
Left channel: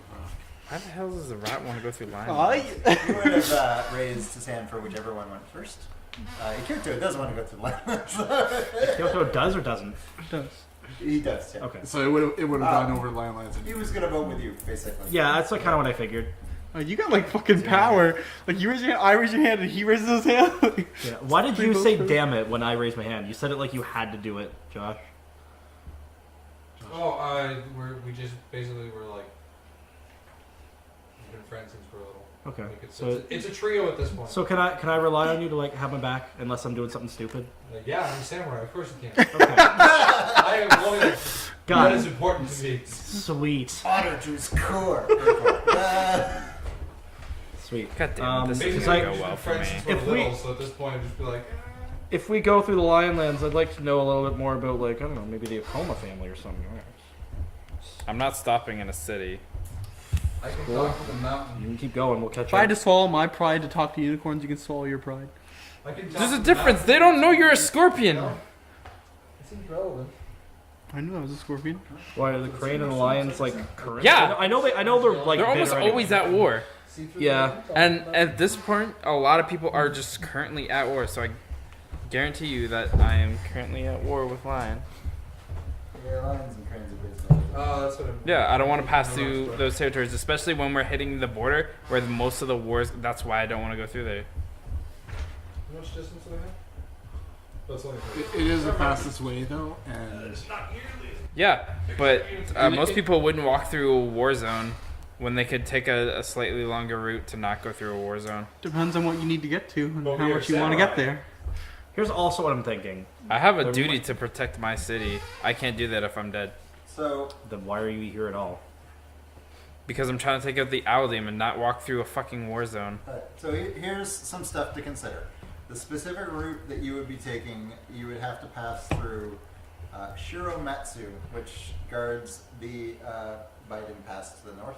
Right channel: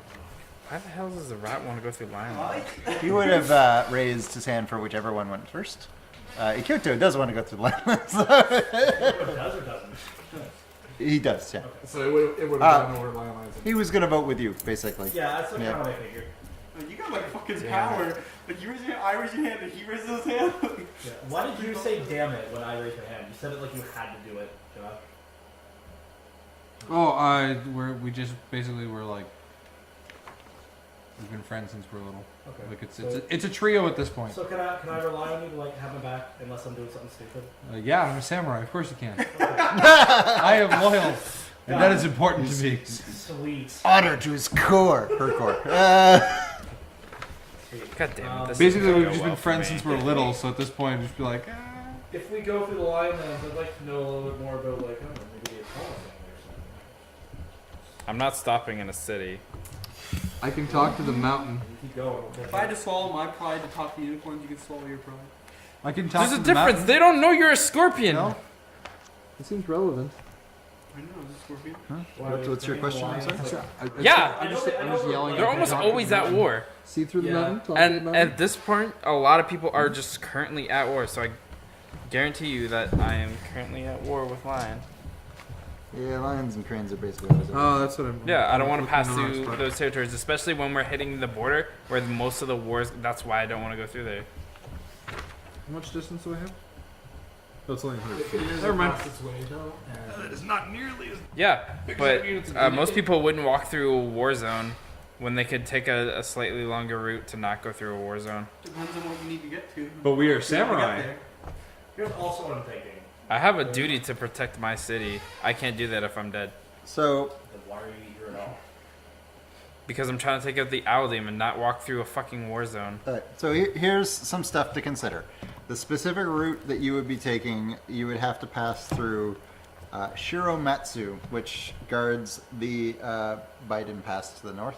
Why the hell does the rat want to go through line? He would have raised his hand for whichever one went first. Kyoto does want to go through the land. Kyoto does or doesn't? He does, yeah. Okay. So it would have gone over line lines. He was gonna vote with you, basically. Yeah, that's kind of what I figured. Oh, you got like fucking power. Like you raise your hand, I raise your hand, and he raises his hand. Yeah. Why did you say "damn it" when I raised my hand? You said it like you had to do it, Josh. Oh, we just basically were like, we've been friends since we're little. Okay. Like it's a trio at this point. So can I rely on you to like have my back unless I'm doing something stupid? Yeah, I'm a samurai. Of course you can. Okay. I am loyal. God. That is important to me. Sweet. Honor to his core. Her core. Sweet. God damn it, this Basically, doesn't we've go just well been for friends me. since we're little, so at this point, just be like, If we go through the Lionlands, I'd like to know a little bit more about like I don't know, maybe the Akoma family or something. I'm not stopping in a city. I can talk to the mountain. You keep going, we'll catch If I had up. to swallow my pride to talk to unicorns, you can swallow your pride. I can talk There's to a the difference. mountain. They don't know you're a scorpion. No. It seems relevant. I know, I was a scorpion. Why do the What's your crane and the question? lions like? Sorry. Yeah. I know they're like. They're almost always at war. See through Yeah. the mountain, talk And about at this point, a lot of people are just currently at war. So I guarantee you that I am currently at war with lion. Yeah, lions and cranes are basically always Oh, that's what. Yeah, I don't want to pass through those territories, especially when we're hitting the border where most of the wars. That's why I don't want to go through there. How much distance do I have? That's only It is the fastest way though, and It's not nearly as. Yeah, but most people wouldn't walk through a war zone when they could take a slightly longer route to not go through a war zone. Depends on what you need to get to and But how we are much you want to get samurai. there. Here's also what I'm thinking. I have a duty to protect my city. I can't do that if I'm dead. So, Then why are you here at all? Because I'm trying to take out the owl demon and not walk through a fucking war zone. here's some stuff to consider. The specific route that you would be taking, you would have to pass through Shiromatsu, which guards the Biden Pass to the north.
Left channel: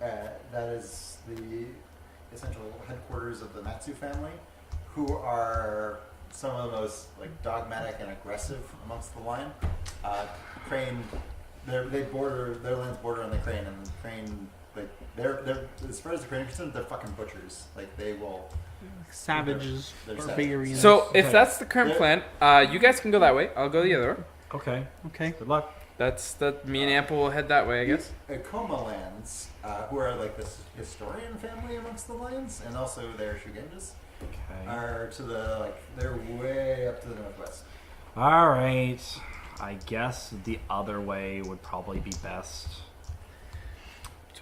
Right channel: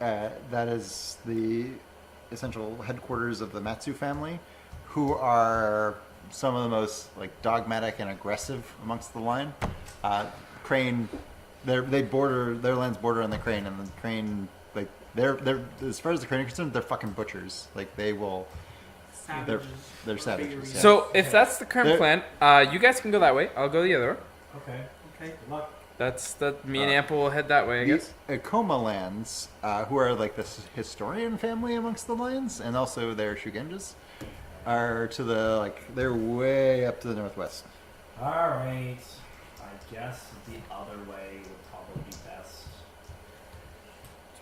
That is the essential headquarters of the Matsu family, who are some of the most like dogmatic and aggressive amongst the line. Crane, their lands border on the Crane, and the Crane, like they're as far as the Crane are concerned, they're fucking butchers. Like they will. Savages. They're or savages. figurines. So if Okay. that's the current There- plan, you guys can go that way. I'll go the other way. Okay. Okay. Good luck. That's me and Ample will head that way, I guess. The Akoma lands, who are like this historian family amongst the lions, and also their Shugenjas, are to the they're way up to the northwest. All right. I guess the other way would probably be best.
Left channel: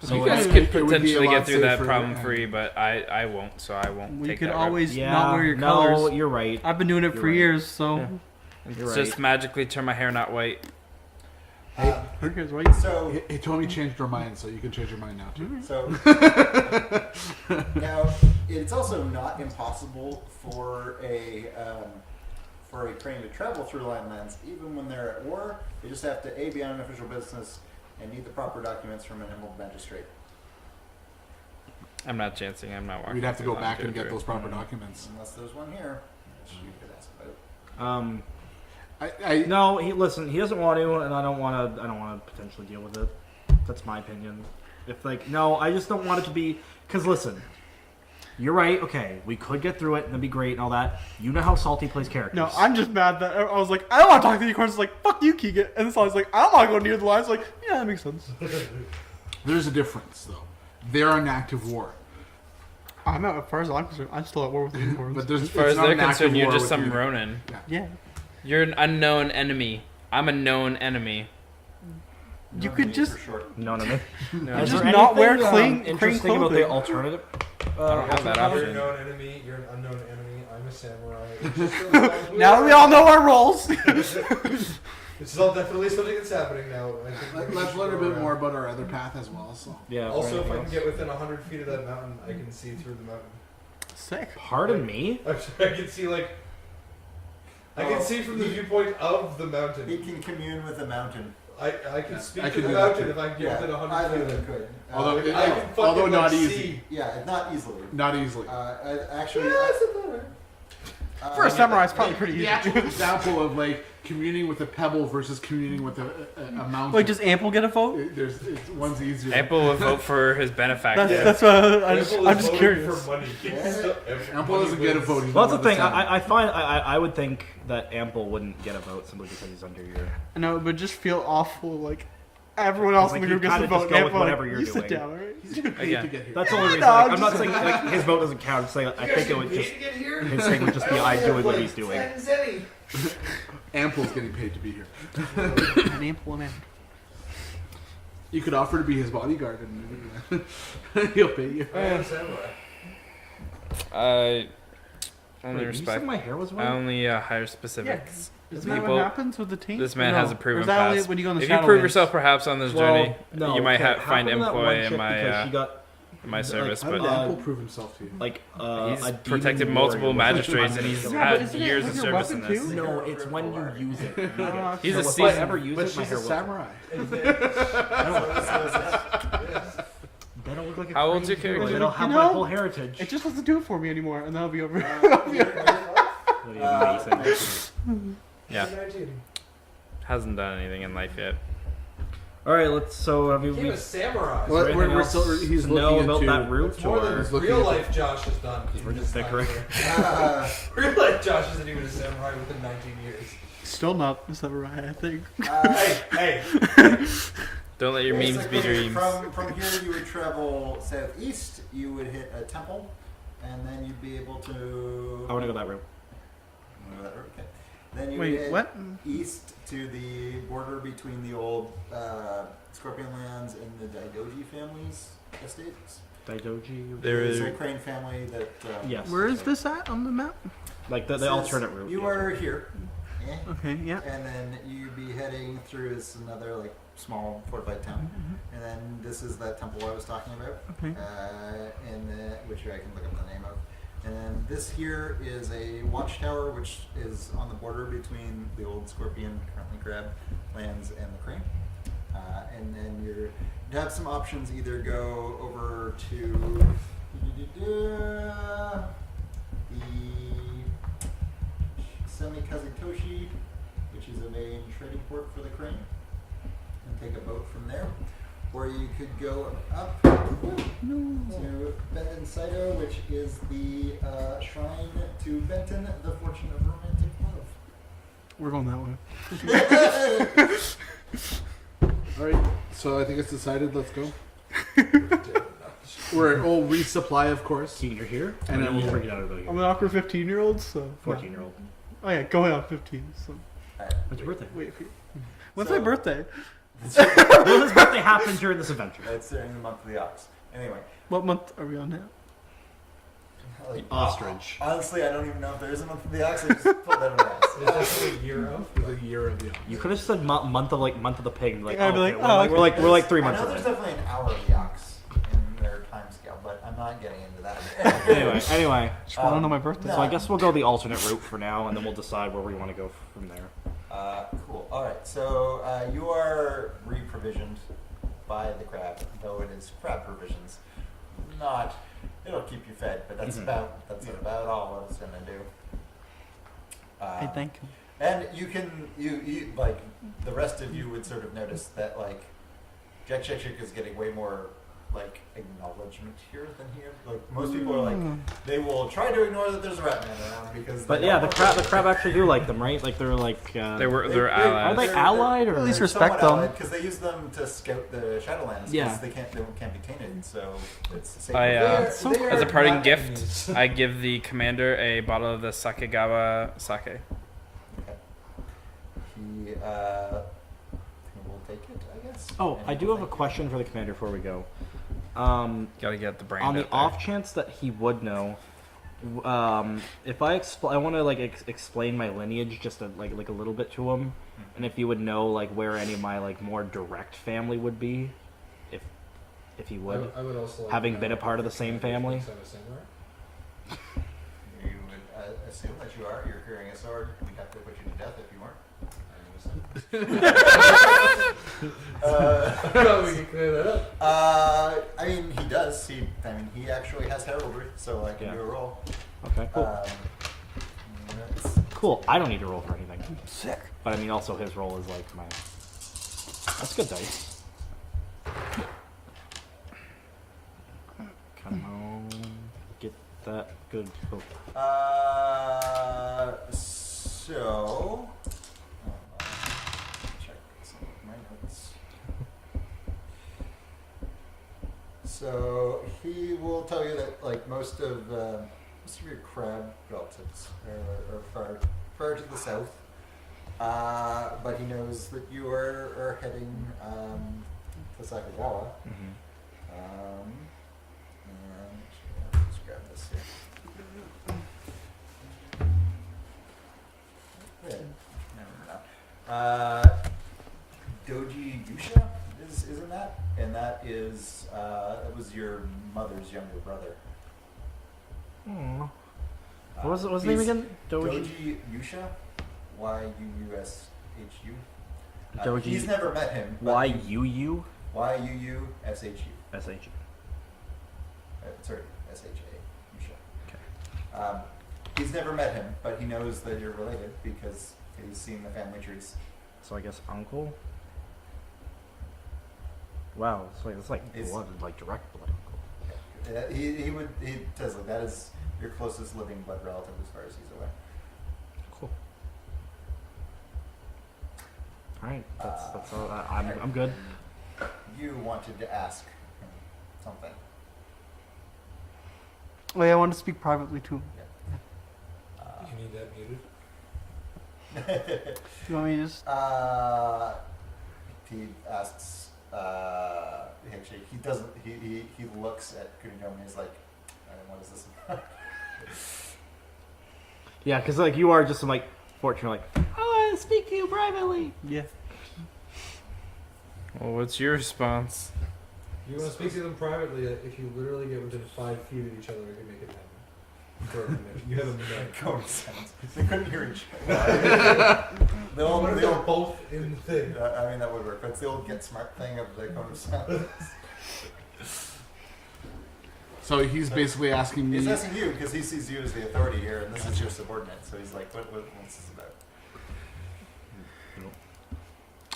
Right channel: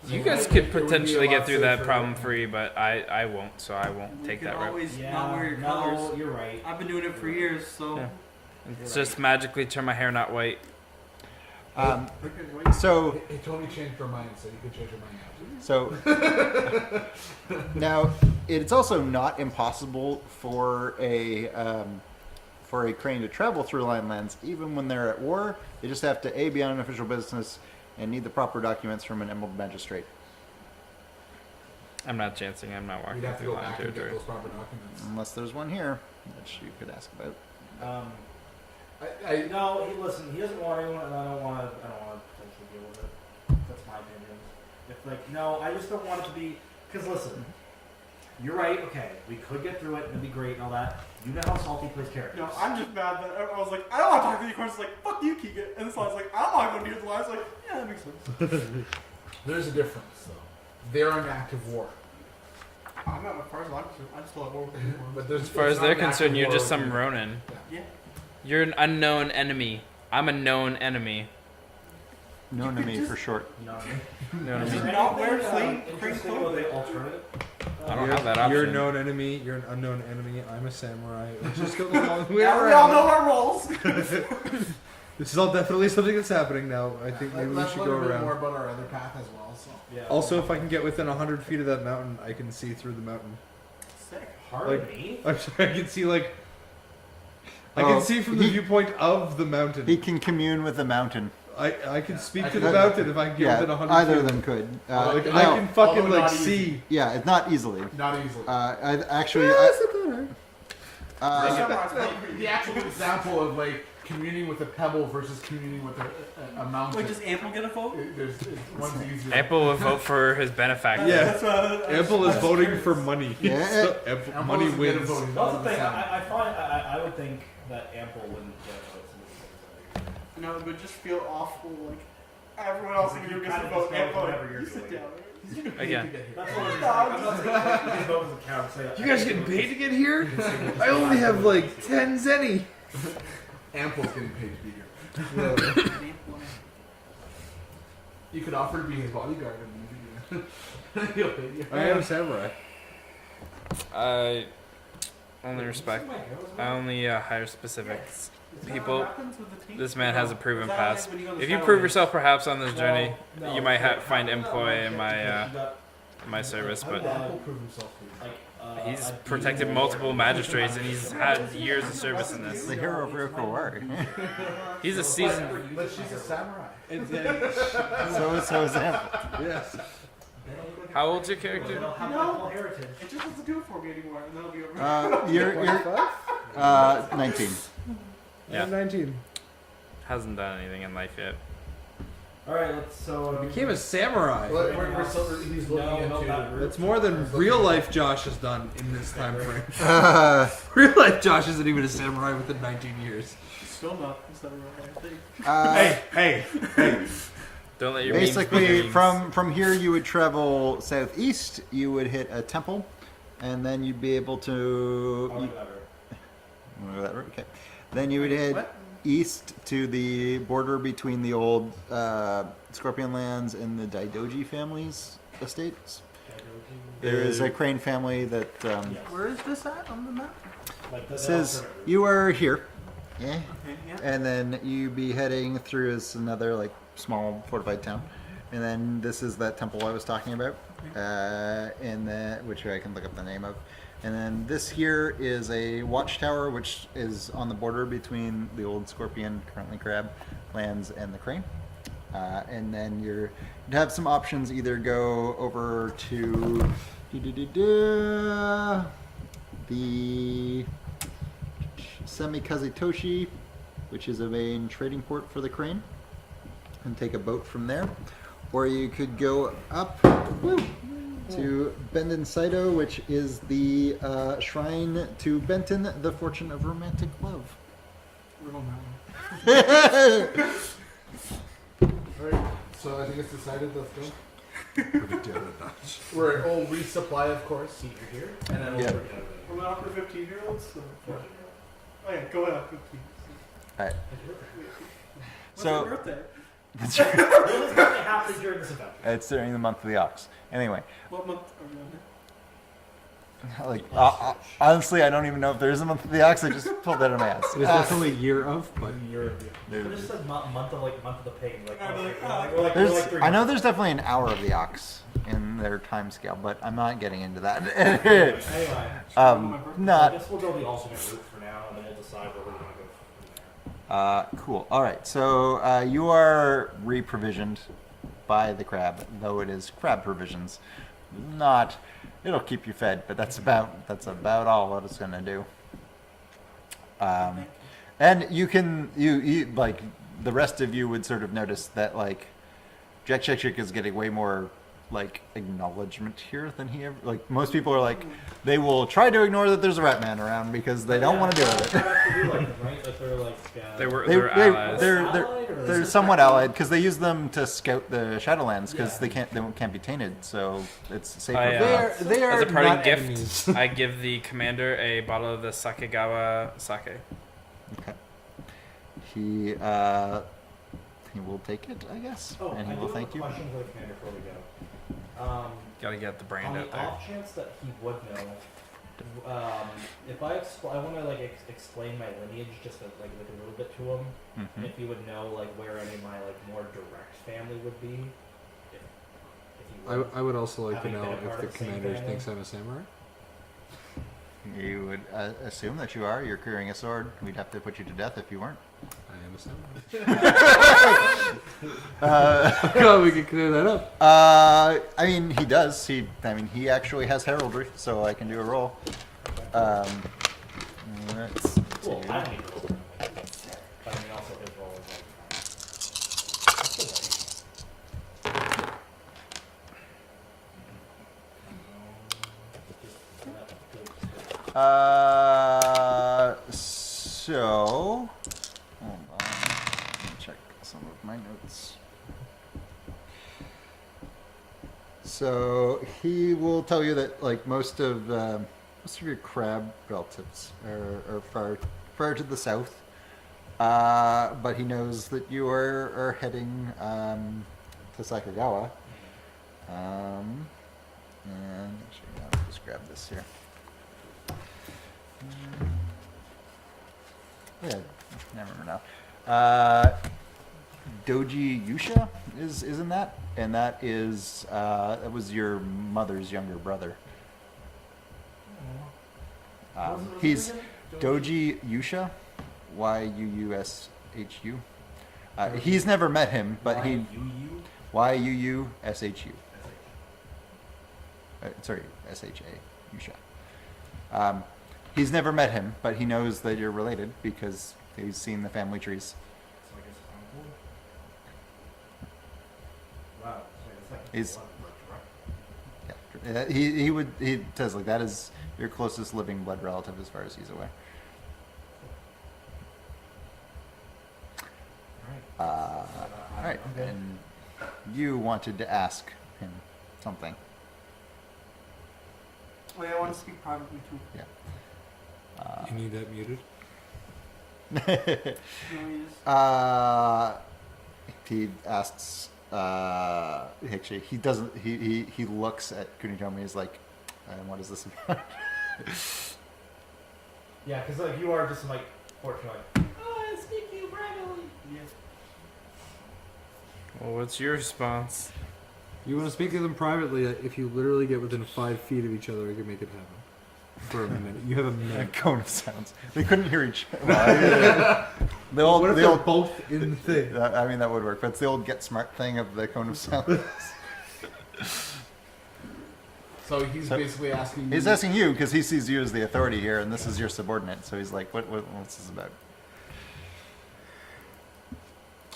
So You guys it could would be a potentially lot get through that safer problem and- free, but I won't, so I won't You take could that route. always Yeah. not wear your no, colors. you're right. I've been doing it for You're right. years, so. Yeah. You're It's right. just magically turn my hair not white. Who cares, right? So Hey, Tony changed her mind, so you can change your mind now too. So now it's also not impossible for a crane to travel through lion lands, even when they're at war. They just have to be on an official business and need the proper documents from an emerald magistrate. I'm not chancing. I'm not walking. We'd have to through go lion back and get territory. those proper documents. Unless there's one here, which you could ask about. No, listen. He doesn't want to, and I don't want to. I don't want to potentially deal with it. That's my opinion. No, I just don't want it to be. Because listen, you're right. Okay, we could get through it and it'd be great and all that. You know how Salty plays characters. No, I'm just mad that I was like, I don't want to talk to the unicorns. It's like, fuck you, Keegan. And so I was like, I don't want to go near the lines. Like, yeah, that makes sense. There's a difference, though. They're in active war. I'm not, as far as I'm concerned, I'm still at war with the unicorns. But there's, As far as they're concerned, you're just some Ronin. Yeah. You're an unknown enemy. I'm a known enemy. No You could enemy just- for short. No, no, no. No, Is just there not wear anything, crane interesting about clothing. the alternative. I don't have that You're a option. known enemy. You're an unknown enemy. I'm a samurai. It's just Now we all know our roles. This is all definitely something that's happening now. I think maybe we Let's should learn go a bit around. more about our other path as well. So Yeah. Also, if I can get within 100 feet of that mountain, I can see through the mountain. Sick. Pardon me? I'm sorry, I can see like. I Oh, can see from the viewpoint of the mountain. He can commune with the mountain. I can speak I to can the do mountain that if I can Yeah, get within 100 either of feet. them could. Although I No, can fucking although like, not see. easy. Yeah, it's not easily. Not easily. Actually, For a samurai, it's probably pretty The easy. actual example of like communing with a pebble versus communing with a mountain. Wait, does Ample get a vote? One's easier. Apple will vote for his benefactor. That's what I'm Ample I'm is just voting curious. for money. Yeah. Ample doesn't get a vote. he's Well, not that's the on thing. town. I find I would think that Ample wouldn't get a vote simply because he's under your. No, it would just feel awful. Like everyone else in the Like, group you gets to kinda just vote. go with Ample, whatever like, you're you sit doing. down, right? He's getting paid Again. to get here. That's the only reason. No, Like, I'm I'm not just- saying like, his vote doesn't count. I'm saying like, You I guys think it getting would paid just. to get here? His saying would just I be only I have doing what like he's doing. 10 zenny. Ample's getting paid to be here. An Ample and Ample. You could offer to be his bodyguard and he'll pay you. I am samurai. I only Wait, you respect. said my hair was I white? only hire specifics. Isn't that People- what happens with the team? This man No. has a Or proven is that only past. when you go on the If you Shadowlands? prove yourself perhaps on this Well, journey, no, you might okay, find how come that employ one in chick, my because she got my service, How did but Ample prove himself to you? like he's a protected beating multiple ward. magistrates and he's Yeah, but had isn't it years of like a service in weapon this. too? Hero No, of it's when War. you use it. He's a If I seasoned. ever use But it, my she's hair a will- samurai. So is that. Yes. They don't look like a How old's your crazy character? They don't have You my know, full heritage. It just doesn't do it for me anymore, and that'll be over. You're 19. Yeah. 19. Hasn't done anything in life yet. All right, let's. So have you? Became a samurai. Well, anything we're else still, he's to know looking about into. that route? It's more than He's looking real into- life Josh has done. For his Stick time ring. here. Real life Josh isn't even a samurai within 19 years. Still not a samurai, I think. Hey, Don't let your memes be Basically, dreams. from here you would travel southeast. You would hit a temple, and then you'd be able to. I want to go that route. Wanna go that route? Okay. Then you would Wait, hit what? east to the border between the old Scorpion lands and the Daidoji family's estates. Daidoji. There's a Crane family that. Yes. Where is this at on the map? Like the says alternate route. you are here. Yeah. Okay, yeah. And then you'd be heading through as another like small fortified town, and then this is that temple I was talking about, Okay. and then which I can look up the name of, and then this here is a watchtower which is on the border between the old Scorpion, currently Crab, lands and the Crane, and then you'd have some options: either go over to the Semikazitoshi, which is a main trading port for the Crane, and take a boat from there. Or you could go up to Benden Saito, which is the shrine to Benton, the fortune of romantic love. We're going that way. Alright, so I think it's decided. Let's go. We're all resupply, of course. See, you're here, And then we'll we'll- bring it out of the I'm an awkward 15-year-old, so. 14-year-old. Oh yeah, going on 15. So. Alright. When's your birthday? Wait, when's So- my birthday? Well, his birthday happened during this adventure. It's during the month of the ox. Anyway, What month are we on now? like The ostrich. honestly, I don't even know if there is a month of the ox. I just pulled that on my ass. There's definitely a year of. The year of the You could have said month of the pig. Like, I'd be like, okay, oh, we're like There's- 3 I months. know there's definitely an hour of the ox in their time scale, but I'm not getting into that. Anyway, I don't know my birthday. no. so I guess we'll go the alternate route for now, and then we'll decide where we want to go from there. Cool. All right. So you are re-provisioned by the crab, though it is crab provisions. Not. It'll keep you fed, but that's about all what it's gonna do. I think. And you can you like the rest of you would sort of notice that like Jack is getting way more like acknowledgement here than he ever like most people are like they will try to ignore that there's a rat man around because they But don't yeah, want the to crab, do the it. crab actually do like them, right? Like they're like They're are allies. they they're- allied or At least They they're somewhat respect them. allied because they use them to scout the Shadowlands because Yeah. they can't be tainted, so it's safer. I, for They are as a parting not gift, enemies. I give the commander a bottle of the Sakegawa sake. Okay. He will take it, I guess. Oh, and he I do will have a thank you. question for the commander before we go. Gotta get the brand On the out there. off chance that he would know, if I I want to like explain my lineage just like a little bit to him, Mhm. and if he would know like where any of my like more direct family would be, if he would. I would also like Having to been know a part if of the same commander family? thinks I'm a samurai. You would assume that you are. You're carrying a sword. We'd have to put you to death if you weren't. I understand. We can clear that up. I mean, he does. He actually has heraldry, so I can do a roll. Okay. Cool. Let's Cool. see. I don't need to roll for anything. Sick. But I mean, also his roll is like my. That's good dice. Come on. Get that good. So, hold on. Let me check some of my notes. So he will tell you that like most of your crab relatives are far to the south, but he knows that you are heading to Sakagawa. And actually, I'll just grab this here. Yeah, I remember now. Doji Yusha is in that, and that is that was your mother's younger brother. What was his name again? Doji Yusha, Yuushu. Doji- He's never met him, but Yuushu? Yuushu. S-H. Sorry, Sha. Yusha. He's never met him, but he knows that you're related because he's seen the family trees. So I guess uncle? Wow, it's like He's- blood, like direct blood. Yeah. He says like that is your closest living blood relative as far as he's aware. Cool. Alright. I'm, Right. I'm good. And you wanted to ask him something. Oh yeah, I want to speak privately to him. You need that muted. You want me to just? He asks. Actually, he doesn't. He looks at Kunitomi. He's like, "What is this about?" Yeah, because like you are just some like fortune like, I want to speak to you privately. Yeah. Well, what's your response? You want to speak to them privately? If you literally get within 5 feet of each other, I can make it happen. For a minute. You have a minute. Cone of sounds. They couldn't hear each other. What if they're both in the thing? I mean, that would work. But it's the old get smart thing of the cone of sounds. So he's basically asking me. He's asking you because he sees you as the authority here, and this is your subordinate. So he's like, what's this about?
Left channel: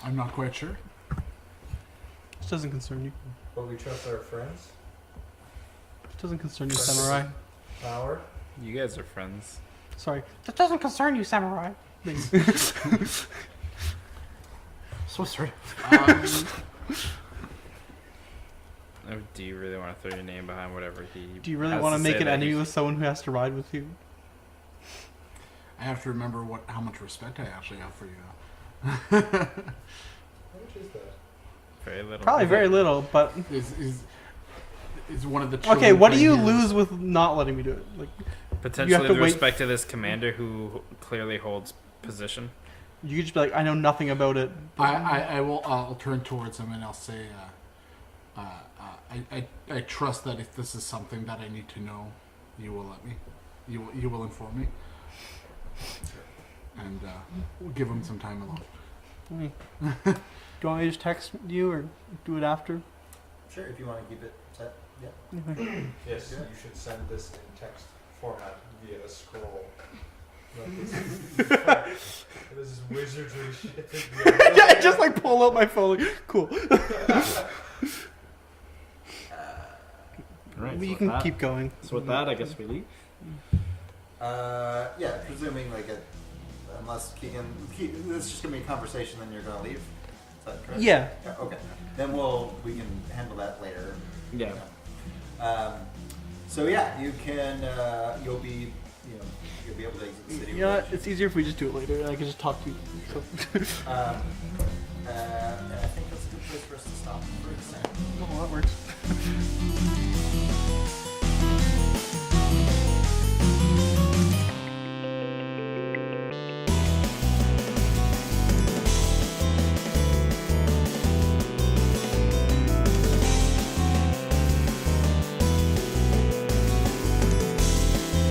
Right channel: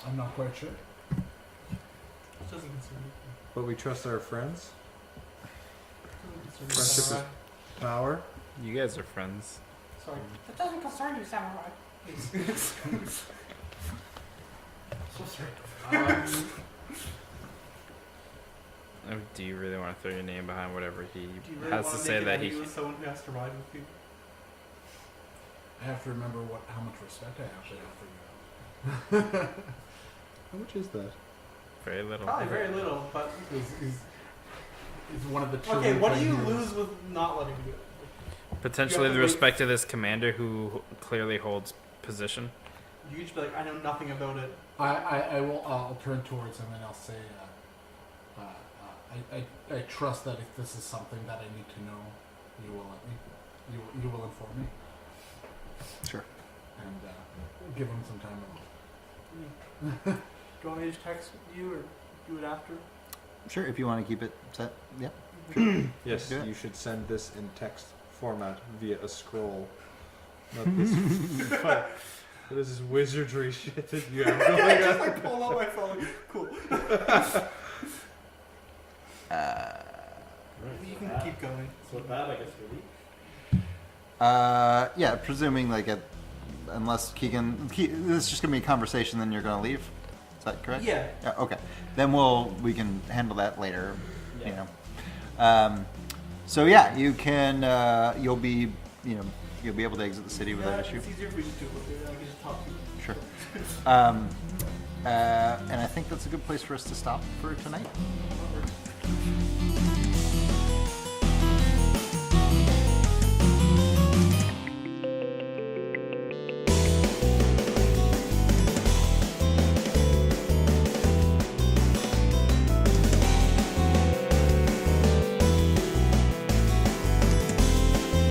I'm not quite sure. This doesn't concern you. But we trust our friends. It doesn't concern you, samurai. Power. You guys are friends. Sorry. That doesn't concern you, samurai. So sorry. Oh, do you really want to throw your name behind whatever he? Do you really has want to say make an that enemy he- with someone who has to ride with you? I have to remember how much respect I actually have for you. How much is that? Very little. Probably very little, but Is one of the okay. children What do you playing here. lose with not letting me do it? Like, Potentially to the wait- respect to this commander who clearly holds position. you could just be like, I know nothing about it. I'll turn towards him and I'll say, I trust that if this is something that I need to know, you will let me. You will inform me. Sure. And we'll give him some time alone. Do you want me to just text you or do it after? Sure, if you want to keep it set. Yeah. Yes, Yeah. you should send this in text format via a scroll. Not this. This is wizardry shit. Yeah, I just like pull out my phone. Like, cool. Right, You so can with keep going. that, so with that, I guess we leave. Yeah, presuming like unless Keegan, this is just gonna be a conversation, then you're gonna leave. Is that correct? Yeah. Okay. Then we can handle that later. Yeah. You know. So yeah, you can. You'll be able to exit the city. Yeah, without issue. it's easier if we just do it later. I can just talk to you. Sure. And I think that's a good place for us to stop for tonight. Oh, that works.